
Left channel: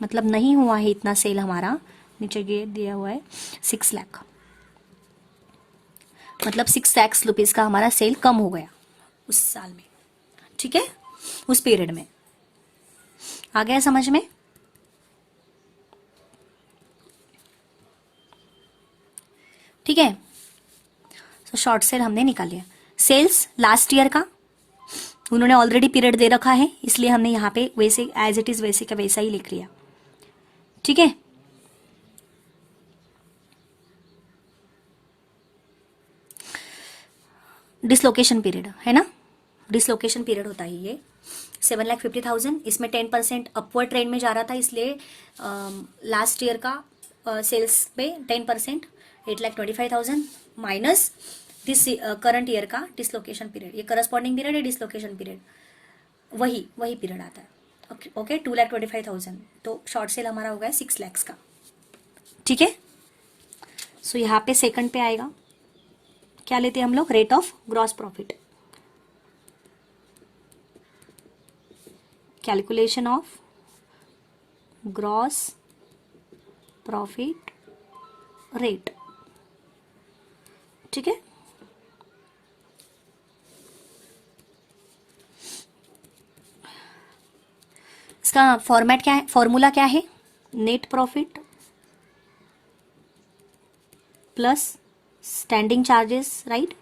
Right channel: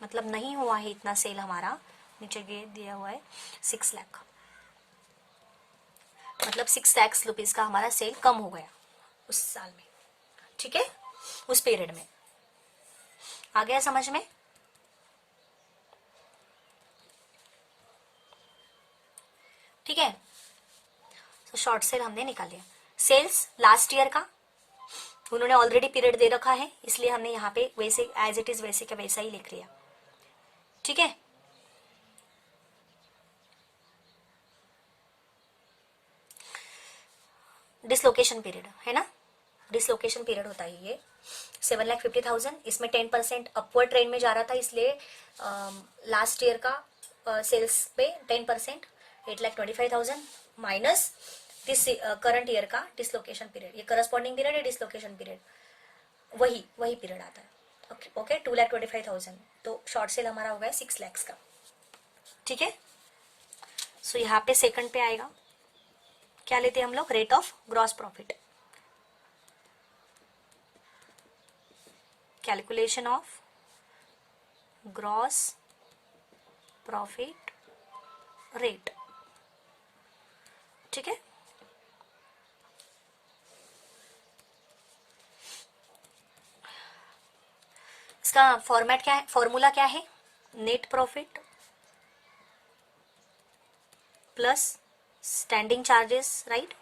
मतलब नहीं हुआ है इतना सेल हमारा. नीचे ये दिया हुआ है 6 लाख, मतलब 6 लाख रुपीज का हमारा सेल कम हो गया उस साल में. ठीक है, उस पीरियड में. आ गया समझ में? ठीक है. तो शॉर्ट सेल हमने निकाल लिया. सेल्स लास्ट ईयर का उन्होंने ऑलरेडी पीरियड दे रखा है, इसलिए हमने यहाँ पे वैसे एज इट इज वैसे का वैसा ही लिख लिया. ठीक है. डिसलोकेशन पीरियड है ना, डिसलोकेशन पीरियड होता है ये। 7,50,000, इसमें 10% अपवर्ड ट्रेंड में जा रहा था, इसलिए लास्ट ईयर का सेल्स पे 10%, 8,25,000 माइनस दिस करंट ईयर का डिसलोकेशन पीरियड, ये करस्पॉन्डिंग पीरियड, ये डिसलोकेशन पीरियड, वही वही पीरियड आता है। ओके 2,25,000, तो शॉर्ट सेल हमारा होगा 6 lakhs का, ठीक है। सो यहाँ पे सेकंड पे आएगा, क्या लेते हैं हम लोग, rate of gross profit, calculation of gross profit rate, ठीक है। इसका फॉर्मेट क्या है, फॉर्मूला क्या है, net profit plus standing charges, right.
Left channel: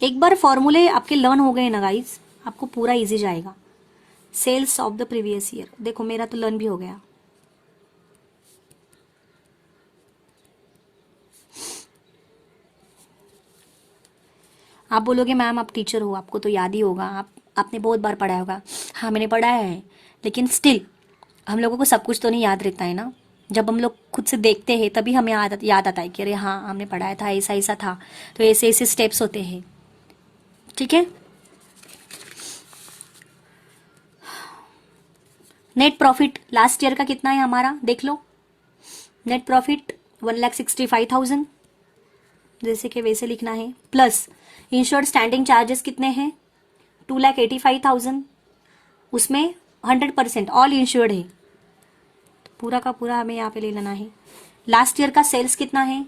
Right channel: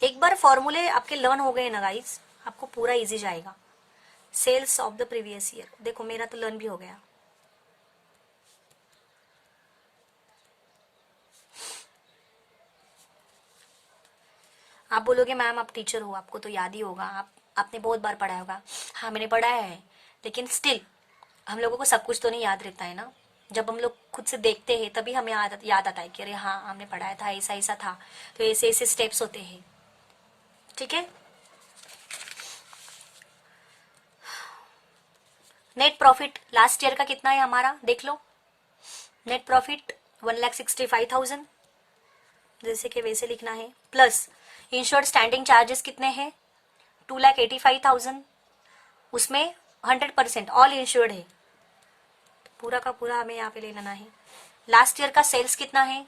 एक बार फॉर्मूले आपके लर्न हो गए ना गाइस, आपको पूरा इजी जाएगा। Sales of the previous year, देखो मेरा तो लर्न भी हो गया। आप बोलोगे मैम आप टीचर हो, आपको तो याद ही होगा, आपने बहुत बार पढ़ाया होगा। हाँ मैंने पढ़ाया है, लेकिन स्टिल हम लोगों को सब कुछ तो नहीं याद रहता है ना। जब हम लोग खुद से देखते हैं तभी हमें याद आता है कि अरे हाँ हमने पढ़ाया था, ऐसा ऐसा था, तो ऐसे ऐसे स्टेप्स होते हैं, ठीक है। नेट प्रॉफिट लास्ट ईयर का कितना है हमारा, देख लो। नेट प्रॉफिट 1,65,000, जैसे कि वैसे लिखना है, प्लस इंश्योर्ड स्टैंडिंग चार्जेस कितने हैं, 2,85,000, उसमें 100% ऑल इंश्योर्ड है, पूरा का पूरा हमें यहाँ पे ले लेना है। लास्ट ईयर का सेल्स कितना है,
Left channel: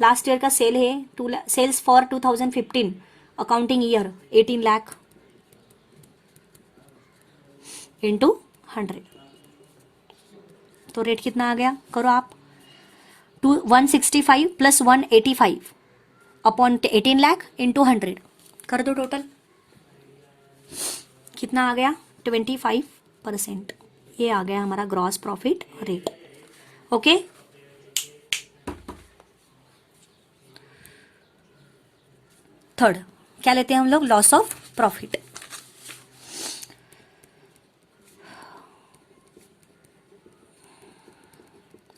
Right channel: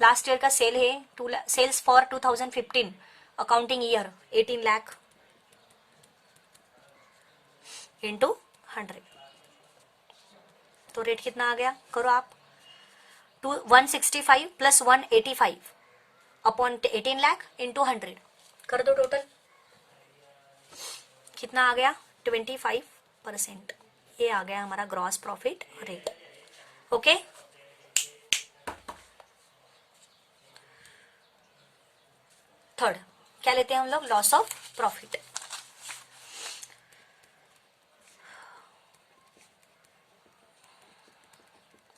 लास्ट ईयर का सेल है sales for 2015 accounting year 18 lakh into 100, तो रेट कितना आ गया, करो आप, 165 प्लस 185 अपॉन 18 लाख इंटू 100, कर दो टोटल, कितना आ गया, 25%। ये आ गया हमारा gross profit rate, okay. Third क्या लेते हैं हम लोग, loss of profit.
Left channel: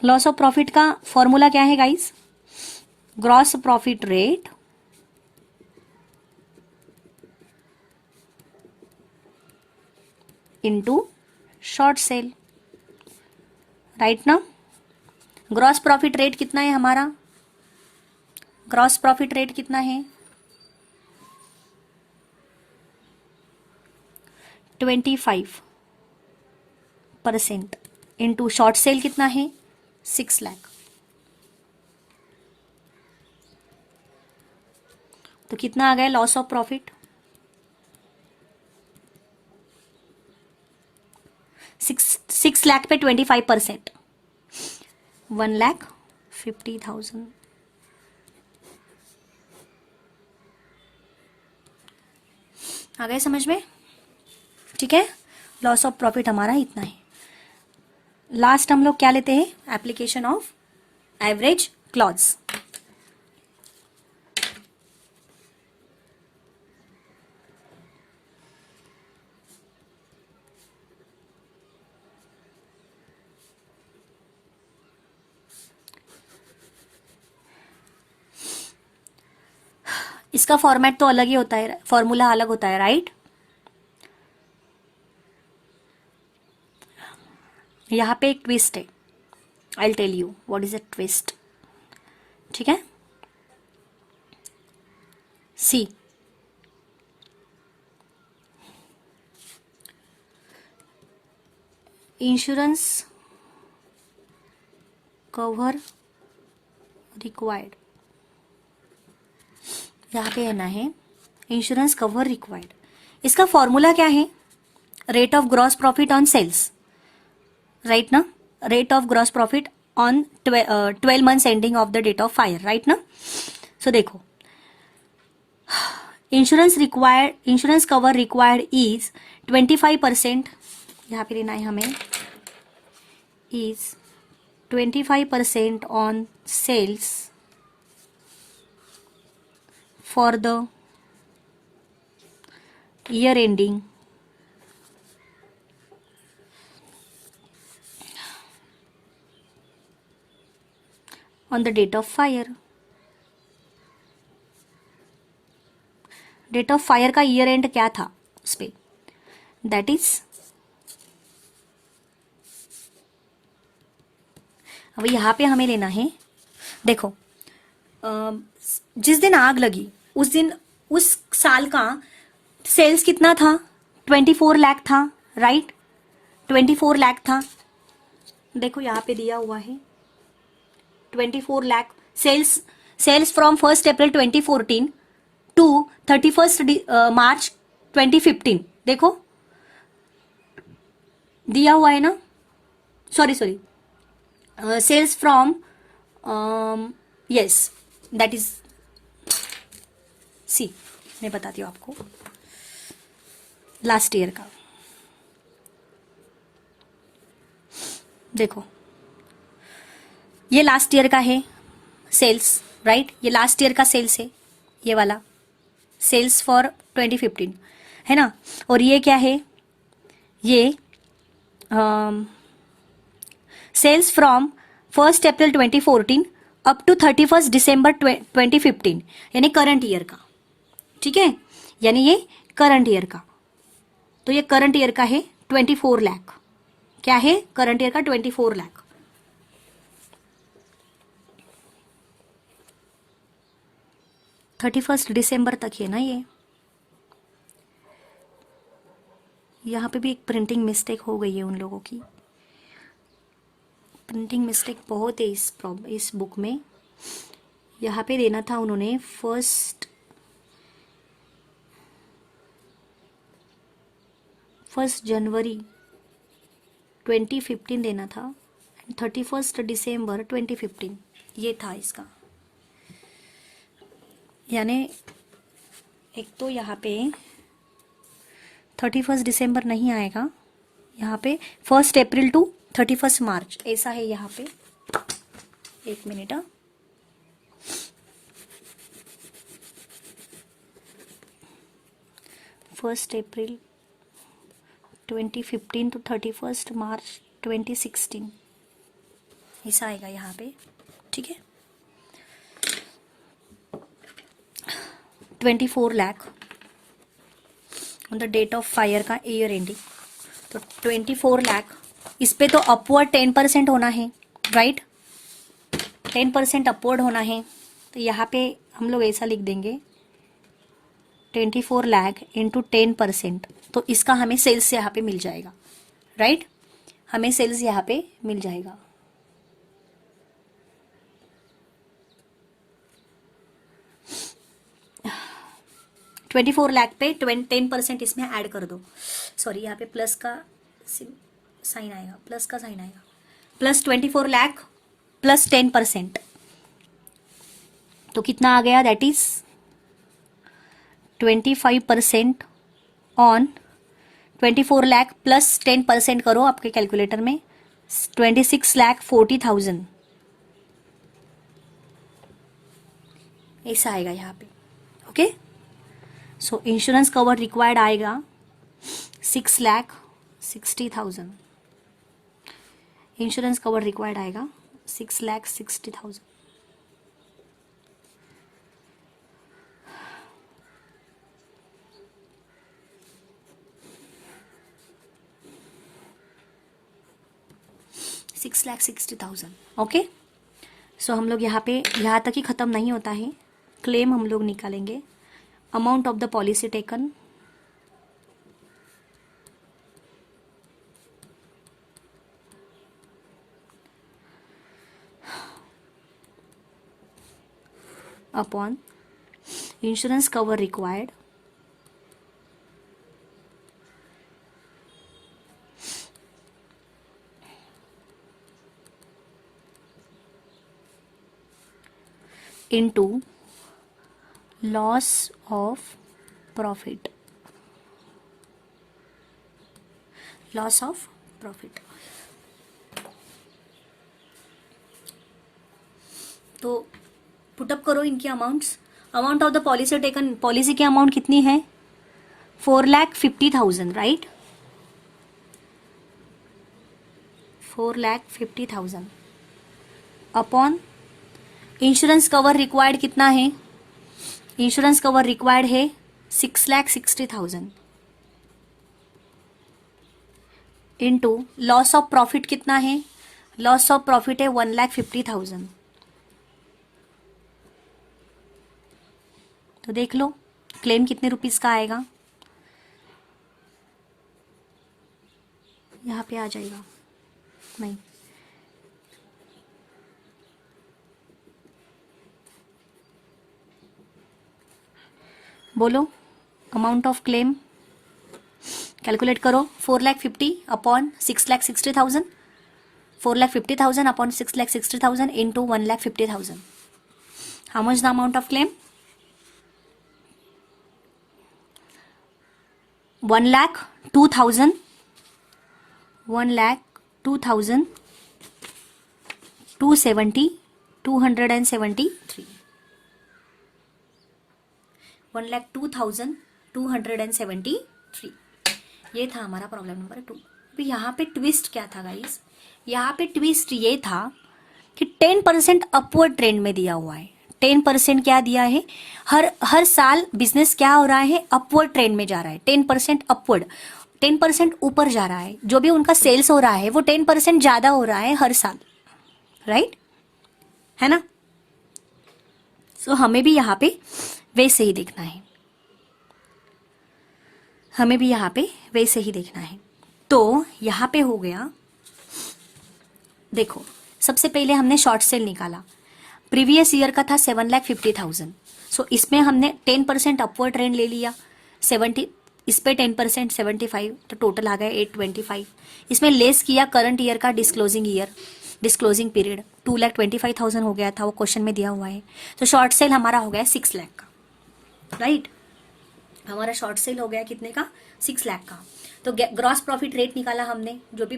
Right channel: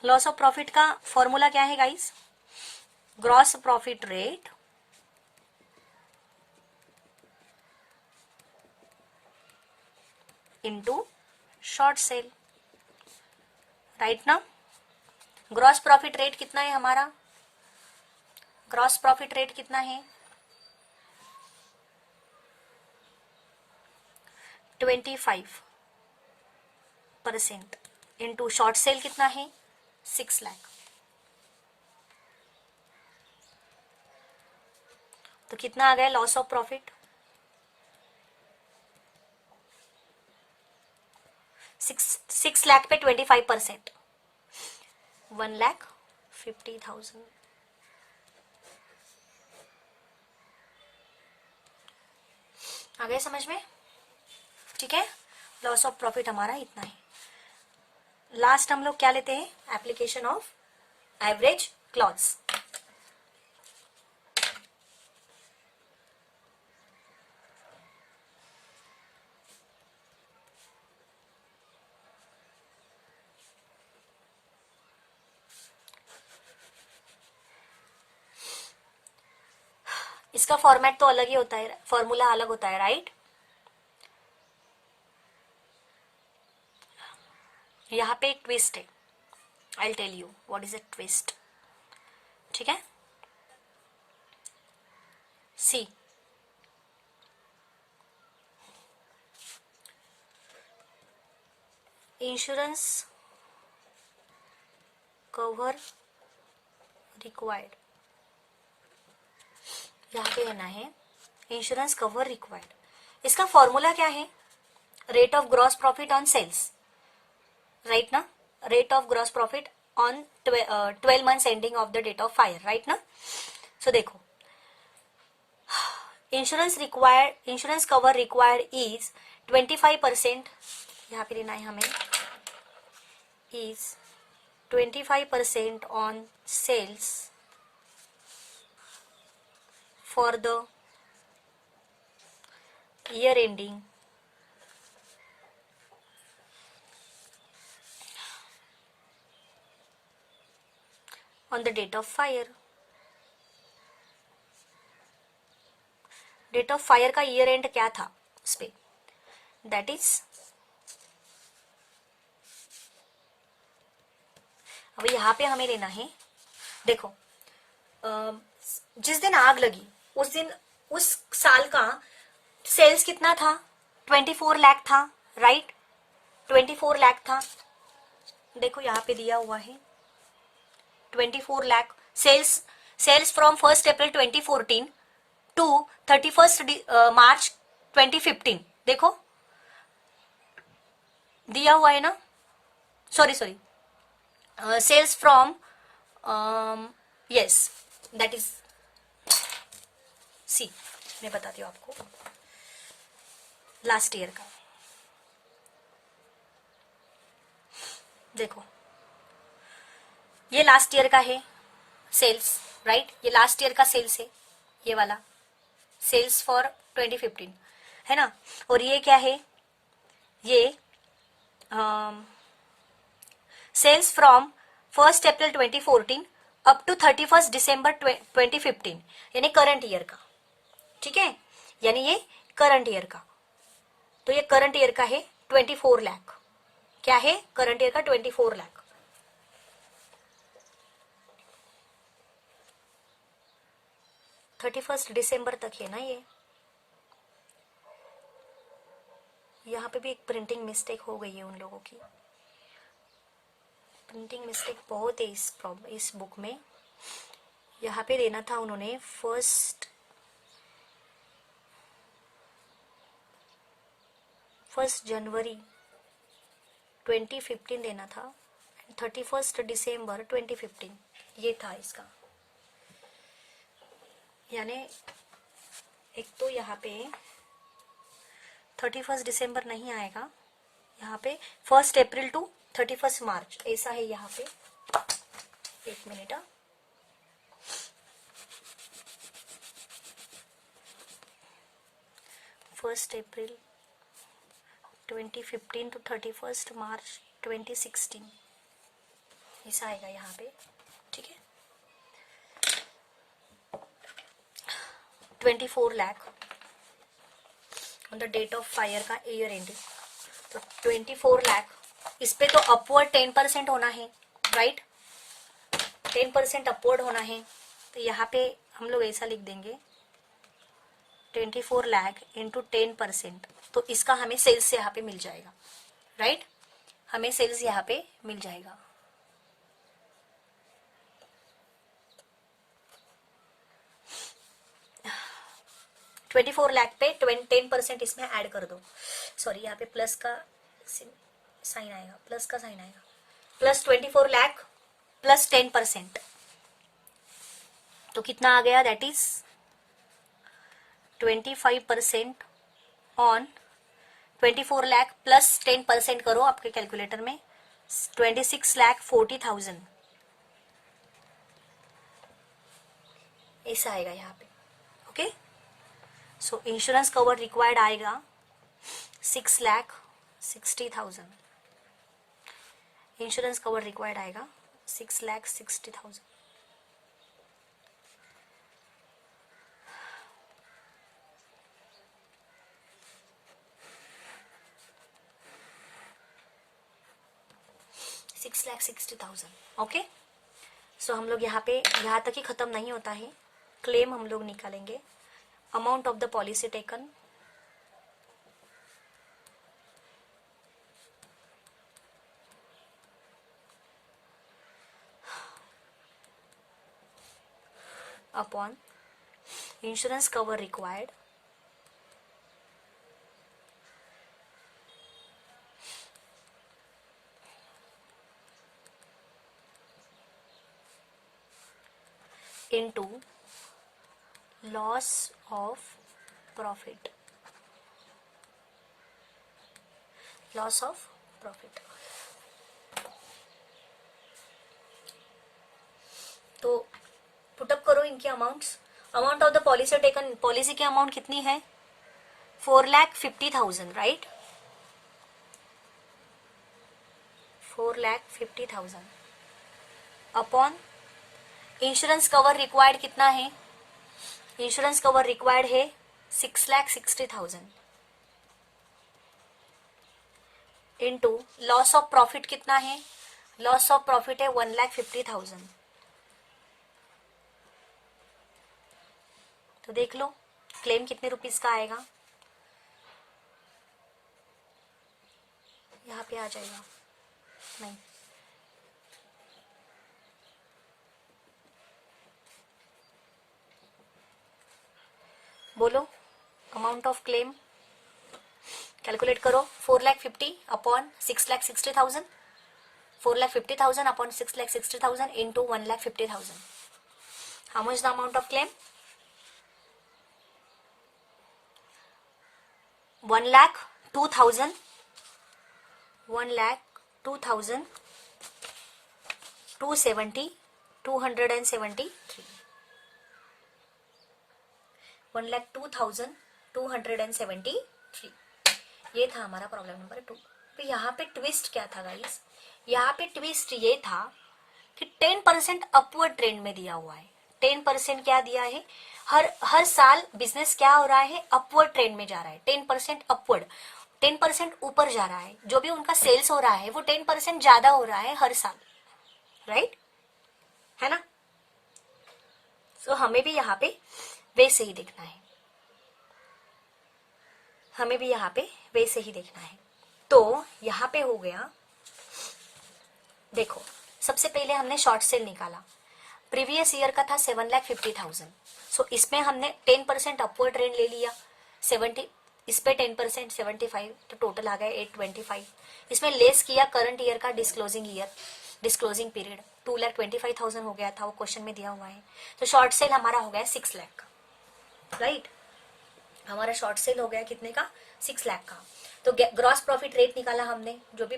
Loss of profit का फॉर्मूला क्या है guys, gross profit rate into short cell, right ना। ग्रॉस प्रॉफिट रेट कितना है हमारा, ग्रॉस प्रॉफिट रेट कितना है, 25% इंटू शॉर्ट सेल कितना है, 6 लाख, तो कितना आ गया लॉस ऑफ प्रॉफिट, 6 लाख पे 25%, 1,50,000, आ गए समझ में, ठीक है। लॉस ऑफ प्रॉफिट हमारा इतना है। लास्ट हम लोग क्या लेते हैं, एप्लीकेशन ऑफ एवरेज क्लॉज। इसका फॉर्मेट तो अलग ही होता है, फॉर्मूला अलग होता है, राइट। यहाँ पे एक ट्विस्ट है, I will tell you what is a twist, ठीक है। सी इंश्योरेंस कवर रिक्वायर्ड, यहाँ पे ना है इंश्योरेंस कवर रिक्वायर्ड। इसका फॉर्मूला क्या है, rate of gross profit on sales, right ना, rate of gross profit on 12 months ending of the date of fire, right ना। सो देखो, इंश्योरेंस कवर रिक्वायर्ड इज 25%, यहाँ पे लेना है हमें, is 25% on sales for the year ending on the date of fire. Date of fire का year end क्या था उस पे, दैट इज, अब यहां पे हमें लेना है, देखो जिस दिन आग लगी उस दिन उस साल का सेल्स कितना था, 24 लाख था, राइट, 24 लाख था, देखो यहां पे दिया हुआ है 24 lakh sales, sales from 1 April 2014 to 31 March 2015, देखो दिया हुआ है ना, sorry sales from, yes that is, see मैं बताती हूँ आपको लास्ट ईयर का, देखो ये लास्ट ईयर का है सेल्स, राइट, ये लास्ट ईयर का सेल्स है, ये वाला सेल्स फॉर 2015 है ना, और ये क्या है, ये sales from 1 April 2014 up to 31 December 2015, यानी करंट ईयर का, ठीक है, यानी ये करंट ईयर का, तो ये करंट ईयर का है 24 लाख, क्या है करंट ईयर का 24 लाख, दिसंबर तक है ना ये, यहाँ पे भी एक प्रिंटिंग मिस्टेक हो गई है उन लोगों की, प्रिंटिंग मिस्टेक बहुत है इस बुक में, यहाँ पे देना था उन्होंने फर्स्ट जनवरी 2015 देना था, 31 दिसंबर 2015 ये था इसका, यानी एक तो यहाँ पे 31 दिसंबर नहीं आएगा, यहाँ पे 1 अप्रैल टू 31 मार्च ऐसा है यहाँ पे, एक मिनट, 1 अप्रैल 2015 टू 31 मार्च 2016 ऐसा आएगा यहाँ पे, ठीक है, 24 lakh on the date of fire का ईयर एंडिंग, तो 24 लाख, इस पे तो अपवर्ड 10% होना है, राइट, 10% अपवर्ड होना है, तो यहाँ पे हम लोग ऐसा लिख देंगे 24 लाख इंटू 10%, तो इसका हमें सेल्स यहाँ पे मिल जाएगा, राइट, हमें सेल्स यहाँ पे मिल जाएगा, $24 लाख पे 10% इसमें ऐड कर दो, सॉरी यहाँ पे प्लस का साइन आएगा, प्लस का साइन आएगा, प्लस 24 लाख प्लस 10%, तो कितना आ गया, that is 25% on 24 lakh plus 10% करो आपके कैलकुलेटर में, 26,40,000 ऐसा आएगा यहाँ पे, ओके, सो इंश्योरेंस कवर रिक्वायर्ड आएगा 6,60,000, इंश्योरेंस कवर रिक्वायर्ड आएगा 6,60,000, ओके, सो हम लोग यहाँ पे यहाँ तक ही खत्म नहीं होता है, क्लेम हम लोग निकालेंगे, amount of the policy taken, upon insurance cover required into loss of profit, loss of profit, तो पुटअप करो इनकी amounts. Amount of the policy taken, policy की अमाउंट कितनी है? 4,50,000, right? 4,50,000 upon insurance cover required कितना है? इंश्योरेंस कवर रिक्वायर्ड है 6,60,000 into loss of profit कितना है? लॉस ऑफ प्रॉफिट है 1,50,000. तो देख लो क्लेम कितने रुपीस का आएगा. यहाँ पे आ जाएगा, नहीं, बोलो अमाउंट ऑफ क्लेम कैलकुलेट करो. 4,50,000 upon 6,60,000. 4,50,000 upon 6,60,000 into 1,50,000. How much the amount of claim? 1,02,000. 1,02,000. 273. 1,02,273. ये था हमारा प्रॉब्लम नंबर 2. अभी यहाँ पे ट्विस्ट क्या था गाइस? यहाँ पे ट्विस्ट ये था कि 10% अपवर्ड ट्रेंड में दिया हुआ है. 10% क्या दिया है? हर साल बिजनेस क्या हो रहा है? अपवर्ड ट्रेंड में जा रहा है. 10% अपवर्ड, 10% ऊपर जा रहा है. जो भी उनका सेल्स हो रहा है वो 10% ज्यादा हो रहा है हर साल, राइट? है ना? सो हमें भी यहाँ पे वैसे ही देखना है. हमें भी यहाँ पे वैसे ही देखना है. तो यहाँ पे हो गया, देखो सबसे पहले हमने शॉर्ट सेल निकाला. प्रीवियस ईयर का था 7,50,000. सो इसमें हमने 10% अपवर्ड ट्रेंड ले लिया. 70 इस पे 10% 75, तो टोटल आ गया 825. इसमें लेस किया करंट ईयर का डिस्क्लोजिंग पीरियड 2,25,000 हो गया था, वो क्वेश्चन में दिया हुआ है. तो शॉर्ट सेल हमारा हो गया 6 लाख का, राइट? हमारा शॉर्ट सेल हो गया कितने का? 6 लाख का. तो ग्रॉस प्रॉफिट रेट निकाला हमने, जो भी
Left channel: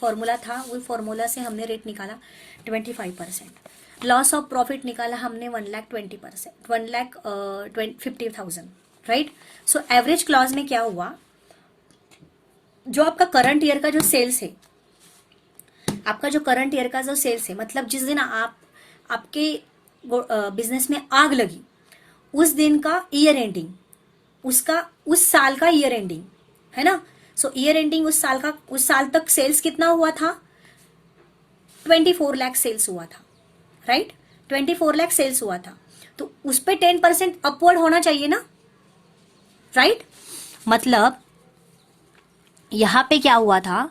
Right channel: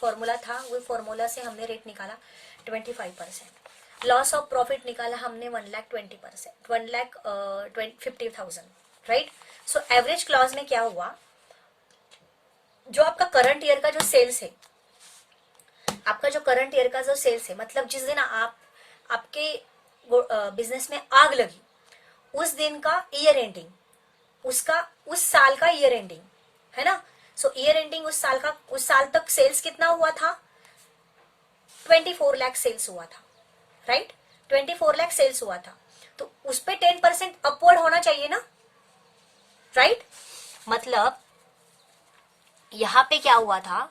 फॉर्मूला था वो फॉर्मूला से हमने रेट निकाला 25%. लॉस ऑफ प्रॉफिट निकाला हमने 1,20%, 1,50,000, राइट? सो एवरेज क्लॉज में क्या हुआ? जो आपका करंट ईयर का जो सेल्स है, आपका जो करंट ईयर का जो सेल्स है, मतलब जिस दिन आपके बिजनेस में आग लगी उस दिन का ईयर एंडिंग, उसका उस साल का ईयर एंडिंग, है ना? सो ईयर एंडिंग उस साल तक सेल्स कितना हुआ था? 24 लाख सेल्स हुआ था, राइट? 24 लाख सेल्स हुआ था. तो उस पे 10% अपवर्ड होना चाहिए ना, राइट? मतलब यहां पे क्या हुआ था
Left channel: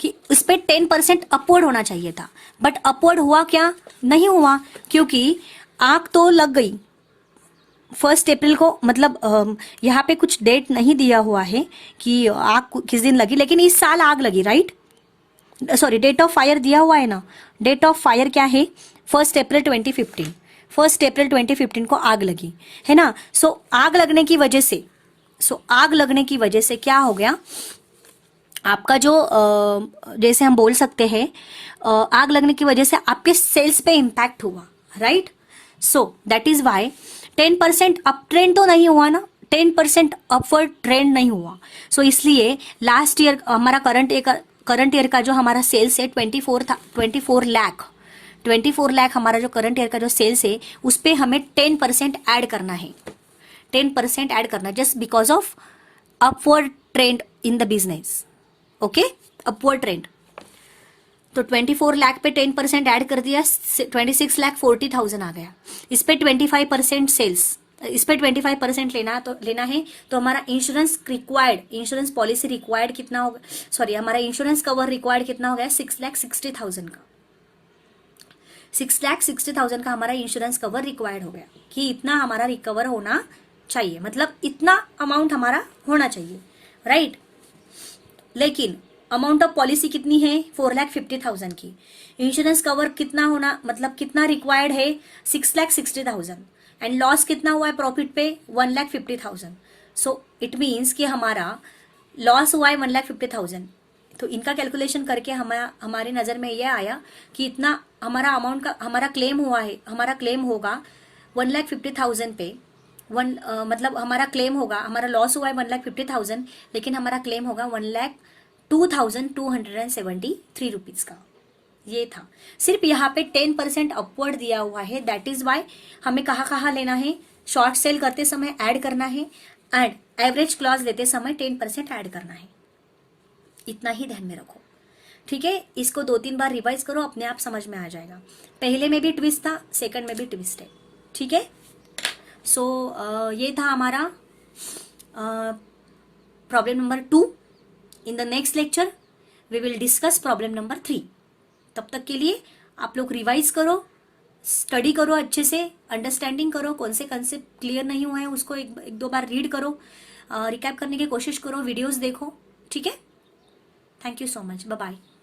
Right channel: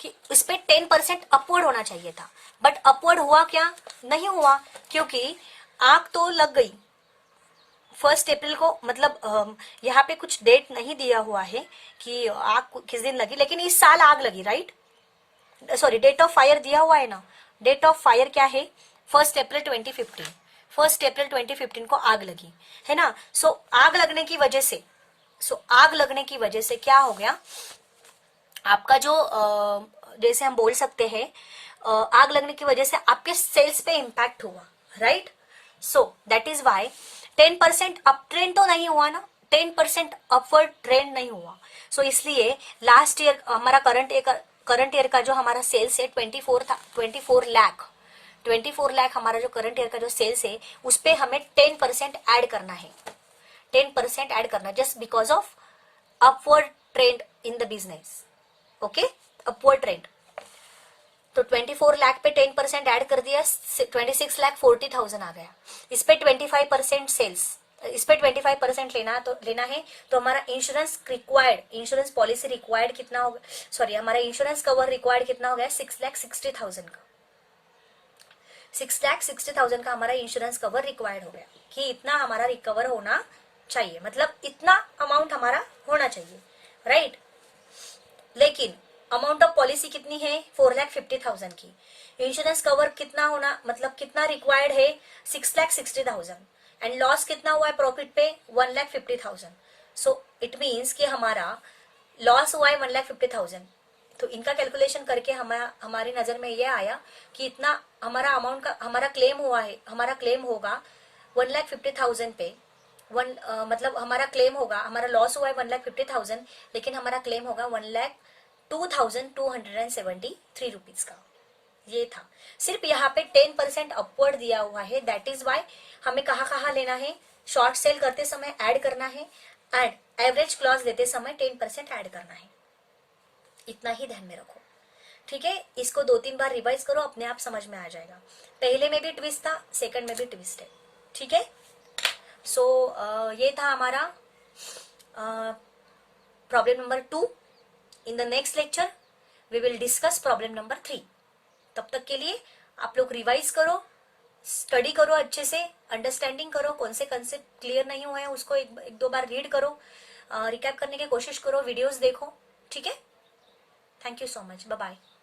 कि उस पे 10% अपवर्ड होना चाहिए था, बट अपवर्ड हुआ क्या? नहीं हुआ, क्योंकि आग तो लग गई 1 अप्रैल को. मतलब यहाँ पे कुछ डेट नहीं दिया हुआ है कि आग किस दिन लगी, लेकिन इस साल आग लगी, right? Sorry, date of fire दिया हुआ है ना. डेट ऑफ फायर क्या है? 1 अप्रैल 2015. 1 अप्रैल 2015 को आग लगी, है ना? सो आग लगने की वजह से क्या हो गया? आपका जो जैसे हम बोल सकते हैं आग लगने की वजह से आपके सेल्स पे इंपैक्ट हुआ, right? So that is why 10% up trend तो नहीं हुआ ना, 10% अपवर्ड ट्रेंड नहीं हुआ. सो इसलिए लास्ट ईयर हमारा करंट ईयर का जो हमारा सेल्स है 24 लाख हमारा जो करंट ईयर का जो सेल्स है उस पे हमें 10% ऐड करना है. 10% ऐड करना just because of upward trend in the business. Okay, upward trend. तो 24 लाख पे 10% ऐड कर दिया, 26,40,000 आ गया. इस पे 25% सेल्स, इस पे 25% लेना है. तो हमारा इंश्योरेंस पॉलिसी रिक्वायर्ड कितना होगा? सॉरी, हमारा इंश्योरेंस कवर रिक्वायर्ड कितना हो गया? 6,60,000 का. 6,60,000 का हमारा इंश्योरेंस कवर रिक्वायर्ड हो गया कि इतना हमारा रिकवर होना चाहिए, मतलब इतना अमाउंट हमारा होना चाहिए, राइट? लेकिन अमाउंट ऑफ पॉलिसी कितनी है? 4,50,000 की. इंश्योरेंस कवर कितना होना, मतलब कितना रिक्वायर्ड है? 6,60,000. एंड लॉस कितना हुआ है प्रॉफिट पे? 1,50,000. सो इट मीन्स कि हमारा लॉस हुआ है 1,50,000. तो इनका कैलकुलेशन करके हमारी नजर में यह आया कि इतना हमारा अमाउंट का हमारा क्लेम हुआ है, हमारा क्लेम होगा 1,50,000 पे मतलब हमारा क्लेम होगा, हमारा लॉस हुआ है 1,50,000, लेकिन हमारा क्लेम होगा 1,02,273 रुपीज का। ये था, सिर्फ यहाँ पे 10% अपवर्ड दिया हुआ है, दैट इज वाई हमें कहाँ कहाँ लेना है, शॉर्ट सेल करते समय ऐड करना है एंड एवरेज क्लॉज देते समय 10% ऐड करना है। इतना ही ध्यान में रखो, ठीक है। इसको 2-3 बार रिवाइज करो, अपने आप समझ में आ जाएगा। पहले में भी ट्विस्ट था, सेकंड में भी ट्विस्ट है, ठीक है। सो ये था हमारा problem number 2। In the next lecture we will discuss problem number 3। तब तक के लिए आप लोग रिवाइज करो, स्टडी करो, अच्छे से अंडरस्टैंडिंग करो, कौन से कंसेप्ट क्लियर नहीं हुए हैं उसको एक दो बार रीड करो, रिकैप करने की कोशिश करो, वीडियोस देखो, ठीक है। Thank you so much, bye bye.